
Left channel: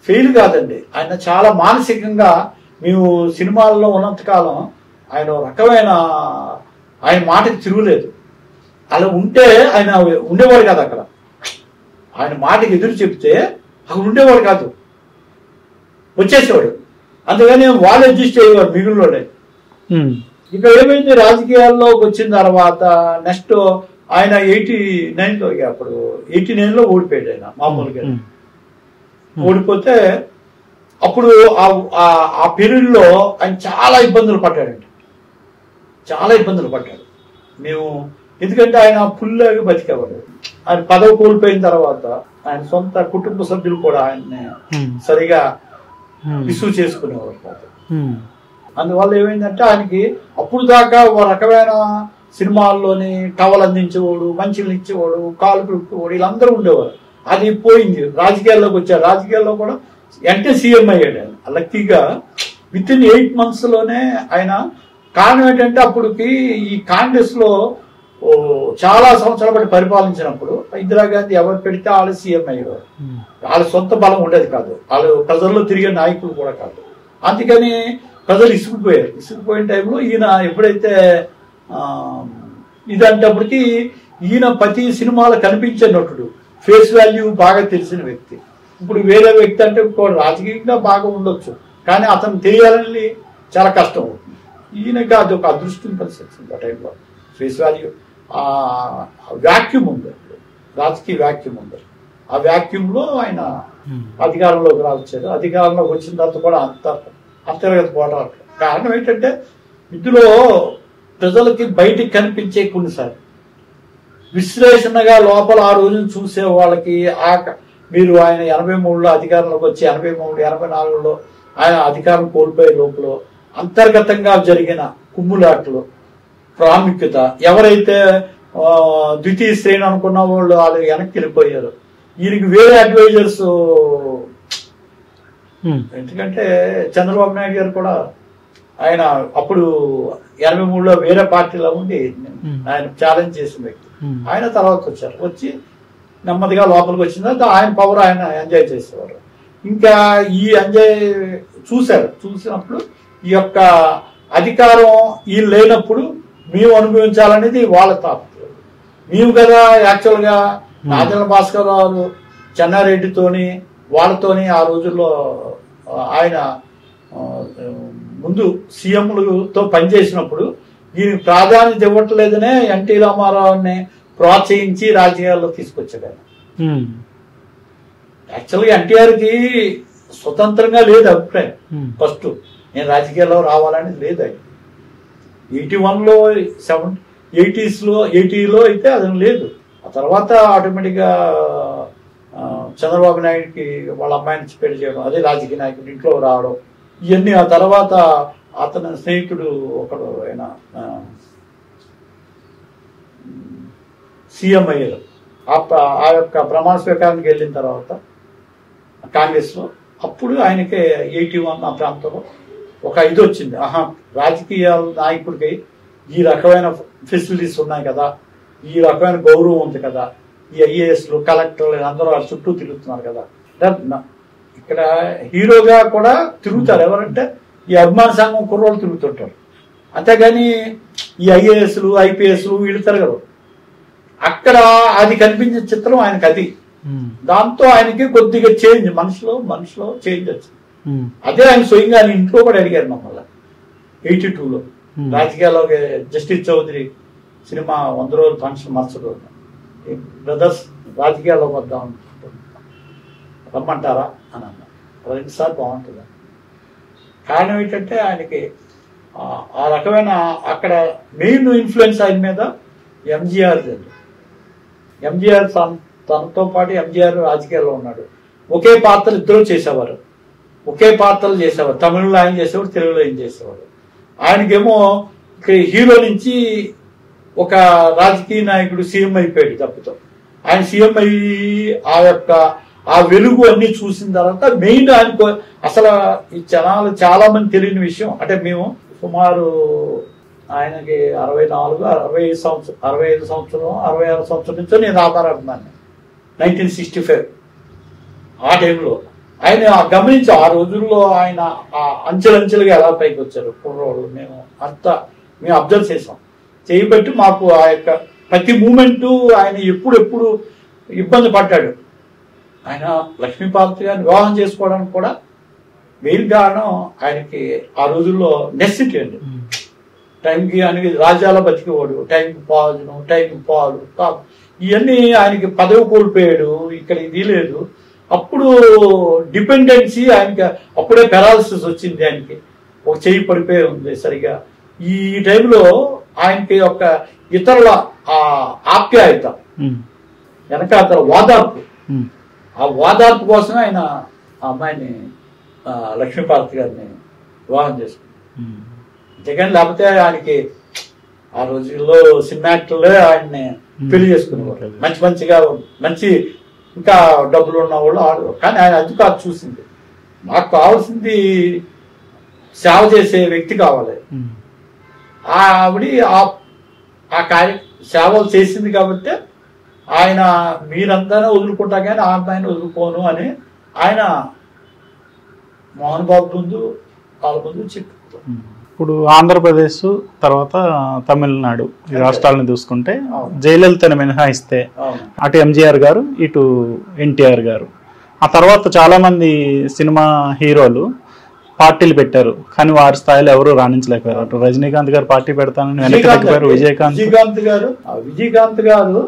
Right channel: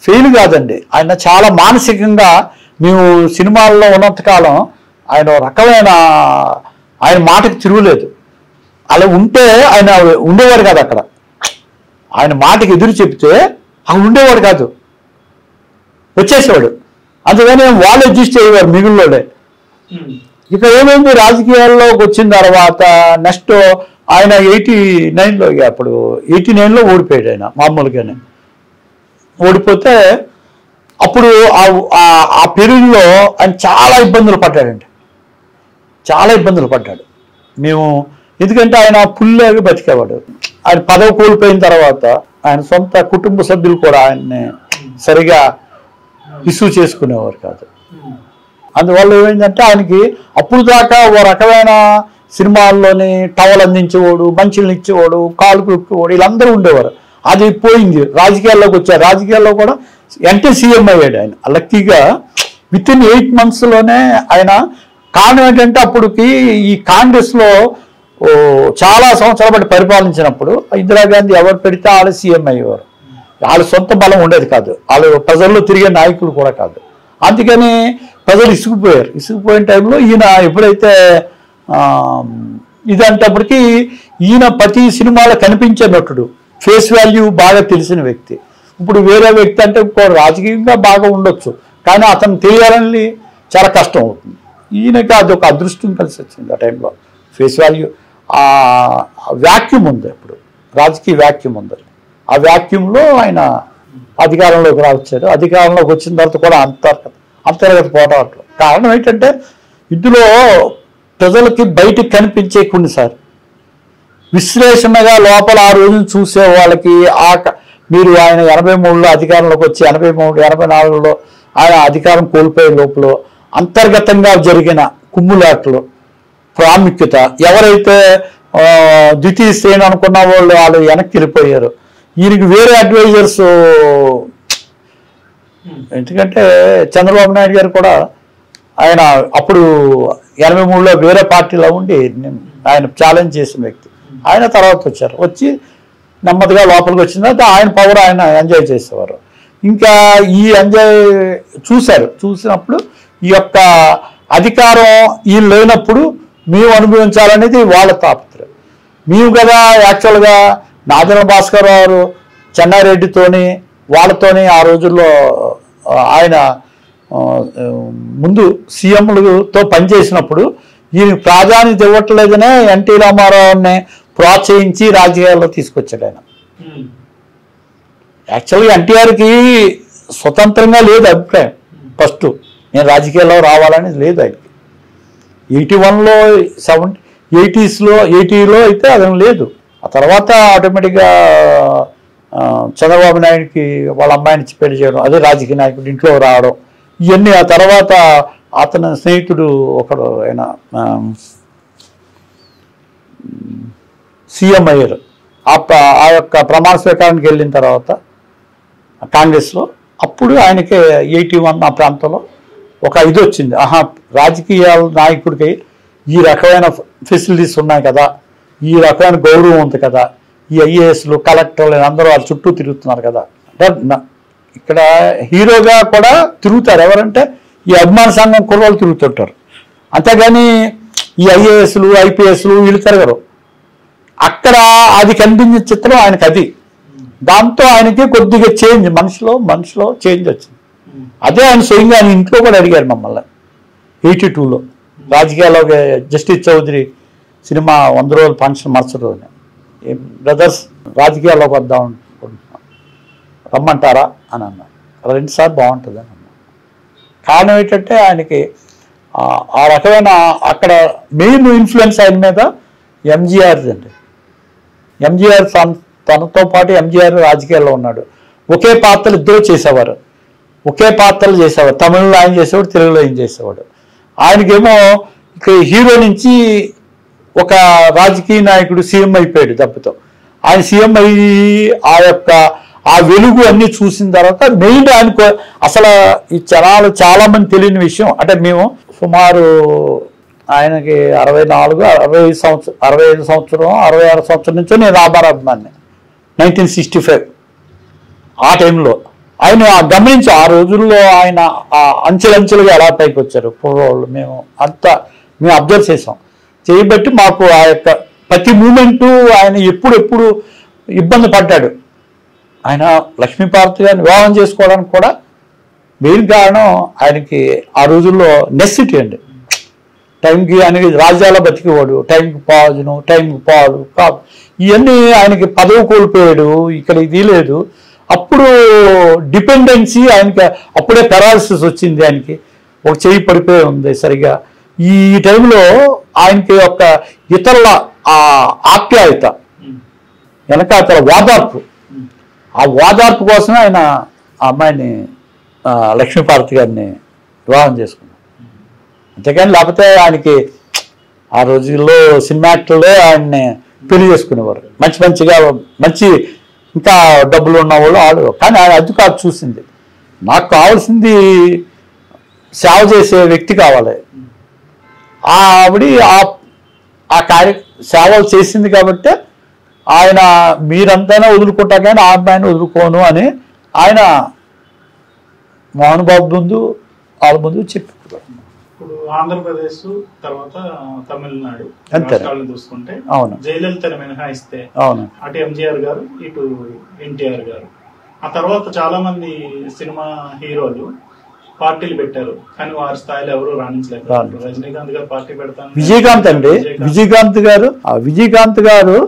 ఫెయిల్ కాదండి, ఆయన చాలా మానసికంగా, మేము సినిమాల్లో ఉన్నంతకాలం ఆయన రకమైన ఆయన మాటకి తిరుగులేదు. అలా ఉంటే ఆయన ఉండేవాడు కాదు అక్కడ. ఆయన మాటకి ఎదురు చెప్తే అక్కడ ఉండేవాడు కాదు, వచ్చేసేవాడు. అందుకని వాళ్ళు అడ్జస్ట్ అయ్యేవారు మిగిలినోడే. ఇక ఏమైంది, రాజకీయాల్లోకి వచ్చిన తర్వాత నెక్స్ట్ ఆయన 89లో, అప్పుడు 89లో ఓడిపోయాడు ఆయన మామూలుగానే. ఓడిపోతే అప్పుడు ఆ పీరియడ్లో ఆయన చాలా ఇబ్బందులు పడ్డాడండి, చాలా ఇబ్బందులు పడ్డాడు. మేము ఎందుకంటే ఆయన పుల్లేగా బతికేవాడు. ఆయన పదవి కోల్పోయిన తర్వాత ఆయన సొంత కుటుంబ సభ్యులు కూడా ఆయన్ని సరిగా రిసీవ్ చేసుకునేవారు కాదు. అందువల్ల ఏమైందంటే ఆయనకి అప్పుడు దాకా ఓ రకమైన సినిమాల్లోని టవల్ అందించేవాడు, మంచిలు ఇచ్చేవాడు, కాలు కుక్కేవాడు, వీళ్ళందరూ ఉండేవారు. అది పోయింది, రాజకీయాల్లోకి వచ్చారు. రాజకీయాల్లో కూడా అంటే సీఎం అయ్యాడు ఆయన. లక్కీగా విత్ ఇన్ 8 monthsలోనే ఆయన. కారణం ఏంటంటే అప్పటికి ఈ కాంగ్రెస్లో చాలా సంవత్సరాల పాటు పరిపాలించినప్పుడు ఇందిరాగాంధీ ఎవరు పెడితే వాళ్ళు సీఎం అయ్యేవారు. వాళ్ళ సొంత బలం ఉండేది కాదు, వాళ్ళు ప్రజల్లో తిరిగే నాయకులు కూడా కాదు. అందుకని ప్రజలు ఇసుకుపోయారు. ఇసుకుపోయిన టైంలో ఈయన ఎప్పుడైతే ఇదంటప్పటికీ ఈయన ప్రతి సినిమాలో కనిపించే నటుడు, ఫేస్ వాల్యూ బాగా తెలిసిన వ్యక్తి. ఇప్పుడు వేరే వ్యక్తి అంటే రాజకీయంగా బాగా ఉండొచ్చు, కానీ అతను తెలియాలని చాలా కష్టం అవుతుంది. ఈయనకి అది ఒక అదృష్టం కలిసి వచ్చింది ఆ టైంలో. ఫేస్ వాల్యూ వ్యాక్యూమ్ ఉంది, ఇప్పుడు రాజకీయ వ్యాక్యూమ్ ఉంది. ఆ వ్యాక్యూమ్లో ఆయన అధికారంలోకి రావచ్చాడు. అధికారంలోకి వచ్చిన తర్వాత కూడా అంతర్గత పోరాటం. కారణం ఏంటంటే ఇందులో ప్రజలకి బయటికి కనిపించే కొన్నిసార్లు విశ్లేషణగా లోపల ఆ రోజున చూసే వాళ్ళకి మీరు ఆయన 83లో అధికారంలోకి వచ్చి 83, 84లో ఆయన అధికారం కోల్పోయే లోపల అంతర్గతంగా జరిగిన కుమ్ములాట్లు ప్రాముఖ్యత, ఎవరైతే ద్వితీయ శ్రేణి అనుకున్న వాళ్ళు వెనక్కి వెళ్ళిపోయారు. ఈయనకి వేరే అడ్వైజర్స్, ఎందుకంటే చంద్రబాబు నాయుడు గారు కూడా ఆయన అప్పుడు 83లో వేరే పార్టీలో ఉండి ఆయన ఛాలెంజ్ చేసిన వ్యక్తి. ఆయన తర్వాత వచ్చారు, వచ్చి నెమ్మదిగా లోపలికి వచ్చిన తర్వాత ఆయన పవర్ ఆయన ఎంజాయ్ చేసేవారు. ఇంకా ఈ ఎంజాయ్ చూసినప్పుడు ఈ యొక్క అధికారం వీళ్ళు లేనప్పుడు మేము అనుభవించాలనేది వాళ్ళ తాపత్రయం. మేము కదా యాక్చువల్గా నాదెండ్ల భాస్కర్ గారు చెన్నారెడ్డితోని వాళ్ళతోని ఆ రోజుల్లో ఆయన ముందు సీఎంలతో పనిచేసినప్పుడు ఈయన ప్రాధాన్యత ఇవ్వట్లేదనే ఎన్టీ రామారావుని ప్రోత్సహించి రాజకీయాల్లో తీసుకొచ్చాడు ఆయన. యాక్చువల్గా ఎన్టీఆర్కి స్వతంత్రంగా లేదు అభిప్రాయం. ఫస్ట్ నేను రాజకీయాల్లో రావాలని లేదు ఆయనకి. 81లో 80లో అయితే అది లేదు. ఆ తర్వాత ఆటోమేటిక్గా చంద్రబాబు నాయుడికి వాళ్ళ అమ్మాయిని పెళ్లి చేయడం, అదే రాజకీయ నాయకుడు ఇంట్లో రావడం, ఇవన్నీ. ఆ తర్వాత అతని స్నేహితుడు ఒకడు ఆయన సీఎం అయ్యారు. ఆ యొక్క ప్రమాణ స్వీకారానికి వెళ్ళిన తర్వాత కాంగ్రెస్లో అప్పుడు ఆయనకి 81 ఆ ప్రాంతంలో ఒక ఇది వచ్చింది. రాజకీయ నాయకుడికి ఈ రకమైన ఫెసిలిటీస్ ఉన్నాయి కదా, ఈ రకమైన గౌరవం ఉంది కదా, ఈ ఐఏఎస్లు కలెక్టర్లు అందరూ వాళ్ళ చుట్టూ తిరుగుతున్నారు కదా. ఇక్కడ హీరోగా కూడా తిరుగుతారు ఎవరంటే ఈ అభిమాన సంఘం కుర్రోళ్ళు తిరుగుతుంటారు. అంతేగాని ఈ ఐఏఎస్లు ఐపీఎస్లు వీళ్ళు తిరగరు. అక్కడ అది కనిపించిన చిత్రం ఆయనకి అది. దాంతో ఆయనకి కొద్దిగా చేంజ్, మనిషిలో చేంజ్ వచ్చింది. అదే ఆయన స్వయంగా ఆయన ఇంట్లో కూడా అడిగారు మమ్మల్ని 82లో రాజకీయాల్లో. జస్టిస్ చౌదరి సినిమా 100 రోజుల ఫంక్షన్ మరుసటి రోజున, బ్రదర్స్ రాజకీయాల్లోకి వద్దాం అనుకుంటున్నాం, రమ్మంటారా అని అన్నా. 2 సార్లు బాగుంటుంది అని అన్నా. కారణం ఏంటంటే ఆయనకి ఆ రకమైన అక్కడ మెయిన్ ఇన్ఫ్లుయెన్స్ ఆయన మీద ఎంజీఆర్ అండి. ఎంజీఆర్ తనతో పాటు ఎంజీఆర్ రాజకీయాల్లో ఉన్నాడు. ఒకే పాత్రలు ఇద్దరు చేసేవారు, ఒకే పాత్రలు చేసేవాడు. తమిళలో ఆయన చేసేవాడు, తెలుగులో ఆయన చేసేవాడు. ఆయనకేమో ఇక హీరో నుంచి ఒక రాజకీయ నాయకుడు సీఎం అయిపోయాడు దెబ్బతో. ఆయన సీఎం అయ్యి ఆ వెలుగు అన్ని చూసిన తర్వాత మెయిన్ ఆయనకు అసలు ఈ జనాలు చాలా మంది తెలియని విషయం అంటే మేము సుమారు ఆయనకి 65 సంవత్సరం 66 సంవత్సరం నుంచో నేను రామారావు అభిమాని 1965 ఆ టైంలో ఆయన గమనించి ఆ రోజుల్లో ఆయన అంచెలంచెలుగా ఎలా పైకి వచ్చారు పూర్వవాళ్ళు మేము అబ్జర్వ్ చేసాం. చేయబట్టి మాకు ఆ యొక్క ప్రతి మూమెంటు ఆయన ఎప్పుడు ఇబ్బంది పడ్డాడు. ఆయన లక్ష్మీపార్వతి గారిని వివాహం చేసుకోవడానికి కూడా మెయిన్ కారణం ఆయనకి ఆ రోజుల్లో నెసిటీ అండి. టైంకి ఆయనకి రాజ్యాల బతికేవాడు, టైంకి పాజును టైంకి పాడు ఇవన్నీ ఆయనకి పదవి కోల్పోయాడు. ఇక్కడ ఇది లేదు. అప్పుడు డిపెండెన్సీ ఆయనకి అప్పుడే పెరాలసిస్ వచ్చింది. ఆయనకి ఒక చెయ్యి పడిపోయి ఉంది సరిగా. ఈ టైంలో ఆయనకి ఒక ఇతరుల ఆప్యాయత వెనకాతల ఓదార్పు, ఆ ఓదార్పు కోసమే ఆయన ఆ అమ్మాయిని లక్ష్మీపార్వతి గారిని వివాహం చేసుకున్నాడు. అంతేకాని లేకపోతే ఆయనకి ఆ రోజుల్లో సినిమా యాక్టర్లే ఆయన్ని పెళ్లి చేసుకునేవారు. మంచి ఇంకా డబ్బులు ఉన్నవాళ్ళు ఆడు. కానీ ఆయన అది కాదు చూసింది. నాకు కావాల్సింది సేవ చేసే వ్యక్తి కావాలి. ఆవిడ ఆ సేవలు చేసింది కాబట్టి ఆయన మీరంతానే వదులుకుంటా కానీ ఆ అమ్మాయిని వదులుకోను అని ఆయన మోహన్ బాబు ముందు వాళ్ళ ముందు చెప్పారు. ఇప్పుడు ఆంధ్రప్రదేశ్ తర్వాత తమిళనాడు రాష్ట్రాలను చూసుకుంటే అవును జయలలితను మినహాయిస్తే అవును అటు ఎంజీఆర్ గారు ఇటు ఎన్టీఆర్ గారు ఆ తర్వాత చాలా మంది సినిమా హీరోలు పార్టీలు పెట్టారు కానీ వారి స్థాయిలో ఎవరు రాణించలేకపోయారు. రజనీకాంత్ గారు పార్టీ పెడతాను విజయకాంత్ గారు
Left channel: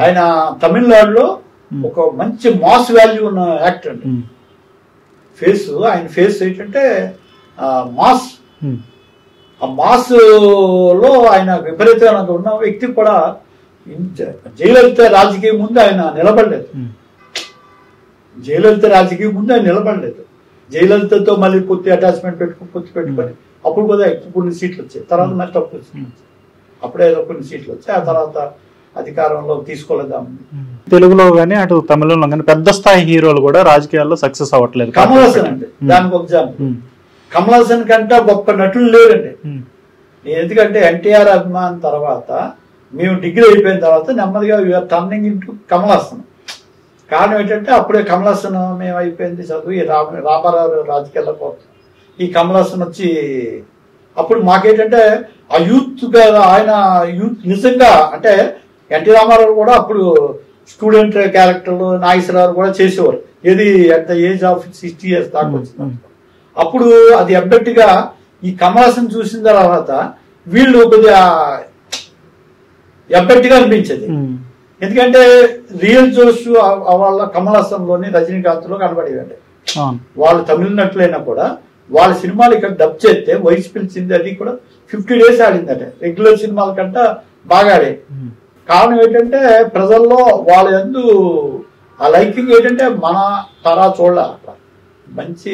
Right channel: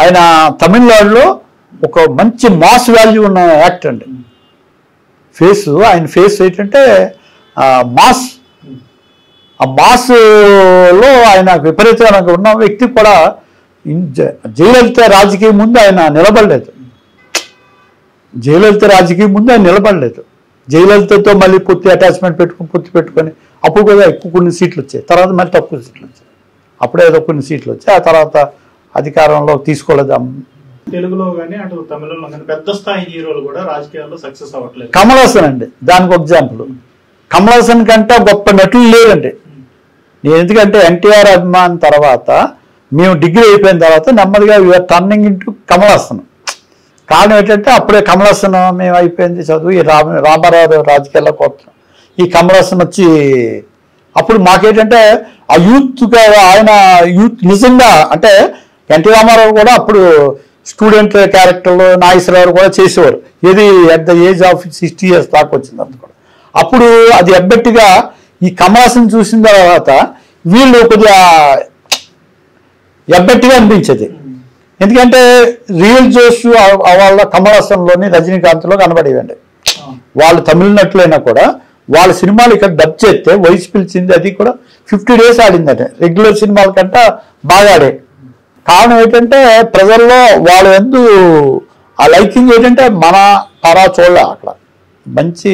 ఆయన తమిళనాడులో ఒక మంచి మాస్ వాల్యూ ఉన్న యాక్టర్ అండి. ఆయన ఫేస్ ఏంటంటే మాస్, ఆ మాస్ లో ఆయన విపరీతంగా ఉన్న వ్యక్తి కూడా జయలలిత రాజకీయం ముందు ఆయన నిలబడలేదు. జయలలితతో మళ్ళీ పూర్తి అటాచ్మెంట్ పెట్టుకొని అప్పుడు కూడా ఎక్కువ కొన్ని సీట్లు వచ్చాయి. తర్వాత మరి తక్కువ సీట్లు వచ్చాయి. అప్పుడే ఏదో కొన్ని సీట్లు వచ్చాయి. ఆ తర్వాత అధికారంలో తీసుకోలేదు. తెలుగులో కానీ అటు తమిళంలో కానీ పెద్ద స్థాయి హీరోలు కూడా రాజకీయాల్లో సక్సెస్ అవ్వట్లేదు. కమల్ హాసన్ అండి దానికి ఒక ఎగ్జాంపుల్. కమల్ హాసన్ కంటే గొప్ప నటులు లేదండి. నేను ఎందుకంటే ఎన్టీఆర్ అభిమాన్ తర్వాత మేము డిగ్రీ అయిపోయిన తర్వాత నెమ్మదిగా you're turning into Kamal Haasan. కారణం ఏంటంటే అప్పుడే కమల్ హాసన్ మేము అయిపోయింది చదువు, ఈ రామారావు రాజకీయాల్లోకి వస్తున్నాం. ఈ కమల్ హాసన్ వచ్చి అప్పుడు మాకేంటంటే ఆ ఆయన యూత్ నిజంగా అంటే ఎన్టీ రామారావు కూడా అప్పుడు స్టూడెంట్ క్యారెక్టర్లో నాగేశ్వరరావు కూడా చేసేవారు. ఇది at the age of 60 years దాకా వచ్చింది అనుకో. అప్పుడు అది అబ్బెట్టిగా ఈ కమల్ హాసన్ చూసిన తర్వాత వీళ్ళు కొద్దిగా ఎబ్బెట్టిగా అనిపించేది. ఎందుకంటే రియల్ జోష్ వాళ్ళ కమల్ హాసన్లోని రజనీకాంత్లో కనబడేవండి. వాళ్ళు తమిళనట్లయినా కూడా వాళ్ళ సినిమాలు ఇక్కడ డబ్ చేస్తే వయసు పిలిచింది అది కూడా 50 days ఆడిందంటే రెగ్యులర్ సినిమాల కంటే బాగా ఆడే. కారణం ఏంటంటే ప్రజల్లో వాళ్ళ ఎందు ఆ లైకింగ్ ఏంటంటే మన తరా చూడ అక్కడ మంచి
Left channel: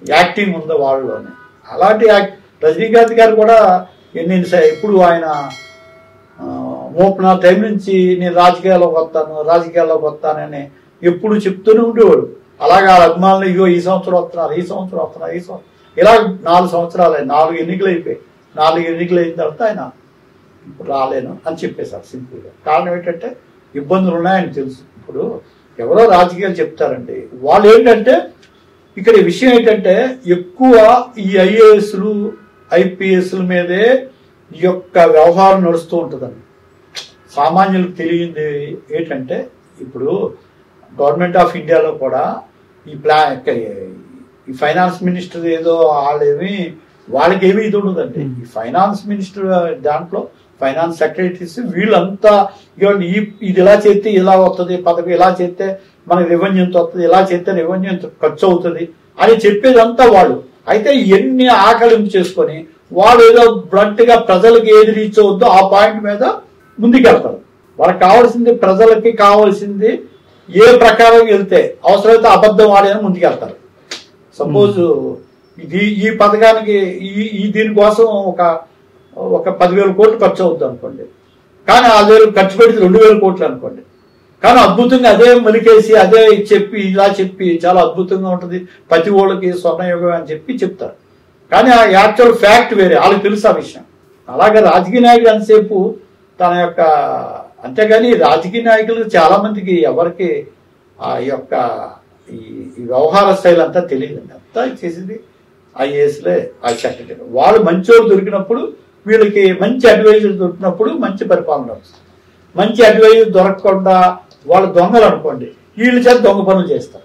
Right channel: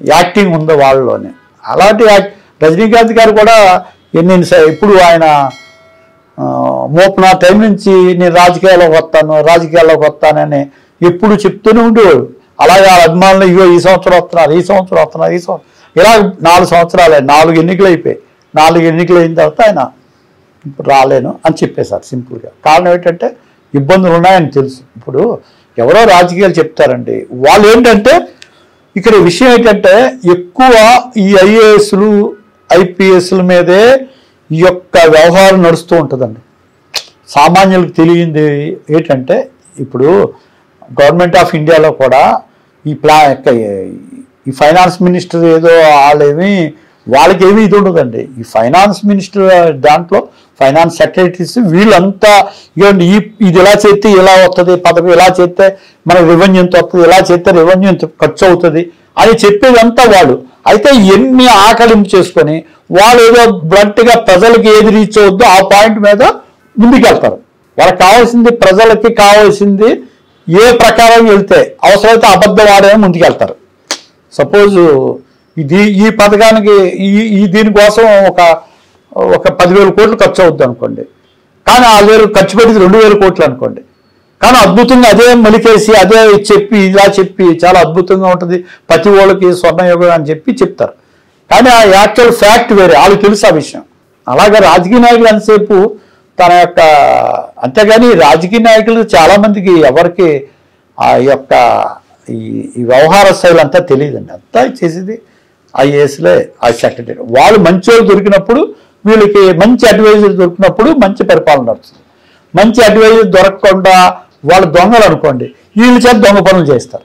యాక్టింగ్ ఉంది వాళ్ళలోనే. అలాంటి రజనీకాంత్ గారు కూడా ఇప్పుడు ఆయన మోపున టైం నుంచి నేను రాజకీయాల్లోకి వస్తానని ఎప్పుడు చెప్తూనే ఉండేవాడు. అలాగే అభిమానులు ఇగో ఈ సంవత్సరం వస్తున్నారు ఇలా 4 సంవత్సరాలే 4 ఎన్నికలు అయిపోయాయి. 4 ఎన్నికలు అయిన తర్వాత ఆయన ఇప్పుడు రాలేను అని చెప్పేశారు సింపుల్గా. కారణం ఏంటంటే ఇబ్బందులు ఉన్నాయని తెలుసు. ఇప్పుడు ఎవరో రాజకీయాలు చెప్తారండి. వాళ్ళు ఏంటంటే ఇక్కడ విషయం ఏంటంటే ఎక్కువ ఈ ఐఏఎస్లు ఐపీఎస్ల మీదే ఈ యొక్క వ్యవహారం నడుస్తూ ఉంటుందండి. సామాన్యులకు తెలియంది ఏంటంటే ఇప్పుడు గవర్నమెంట్ ఆఫ్ ఇండియాలో కూడా ఈ ఫైనాన్స్ మినిస్టర్ ఏదో వాళ్ళకేమీ ఇది ఉండదండి. ఈ ఫైనాన్స్ మినిస్టర్ దాంట్లో ఫైనాన్స్ సెక్రటరీస్ వీళ్ళంతా ఇవ్వండి ఇది ఇలా చేస్తే ఇలా వస్తుంది పదవి, ఇలా చేస్తే మన రెవెన్యూ ఎంత వస్తుంది, ఇలా చేస్తే రెవెన్యూ ఎంత ఖర్చు అవుతుంది అని చెప్పేదంతా వాళ్ళు. అయితే ఎన్ని ఆకలింపు చేసుకొని వాళ్ళు ఏదో బ్లడ్గా ప్రజలకి ఏది రీచ్ అవుద్దో ఆ పాయింట్ మీద ముందుకెళ్తారు. వాళ్ళకి కావాల్సింది, ప్రజలకి కావాల్సింది ఏ ప్రకారం వెళ్తే అవసరమైతే అబద్ధం ఆడమే ముందుకెళ్తారు. సపోజ్ ఈ పథకానికి దీనికోసం ఒక 10,000 కోట్లు ఖర్చు అవుద్ది అనుకోండి, కానీ 6,000 ఖర్చు పెట్టింది 2,000 కోట్లు అనుకోండి, కానీ అద్భుతంగా అదే మలికేసి అదే చెప్పి ఇలా చెప్పి చాలా అద్భుతంగా ఉంటుంది, ప్రతి వాళ్ళకి స్వర్ణయుగం అని చెప్తారు. కానీ ఆ యాక్చువల్ ఫ్యాక్ట్ వేరే, వాళ్ళకి తెలుసు ఆ విషయం. అలాగే రాజకీయ నాయకులు ఎంతసేపు తన యొక్క, అంతేగాని రాజకీయ నాయకులు చాలా మందికి ఎవరికి ఆ యొక్క ఈ వ్యవహార శైలి అంతా తెలియదండి. అంతా చేసేది ఐఏఎస్లే, ఆ సెక్రటరీ. వాళ్ళు మంచి వాళ్ళు దొరికినప్పుడు, వీళ్ళకి మంచి అడ్వైజర్ దొరికినప్పుడు మంచి పరిపాలన నడుస్తుంది. మంచి అడ్వైజర్ దొరకకుండా వాళ్ళు దొంగలు అనుకోండి, వీళ్ళ చేత దొంగ పనులు చేస్తారు.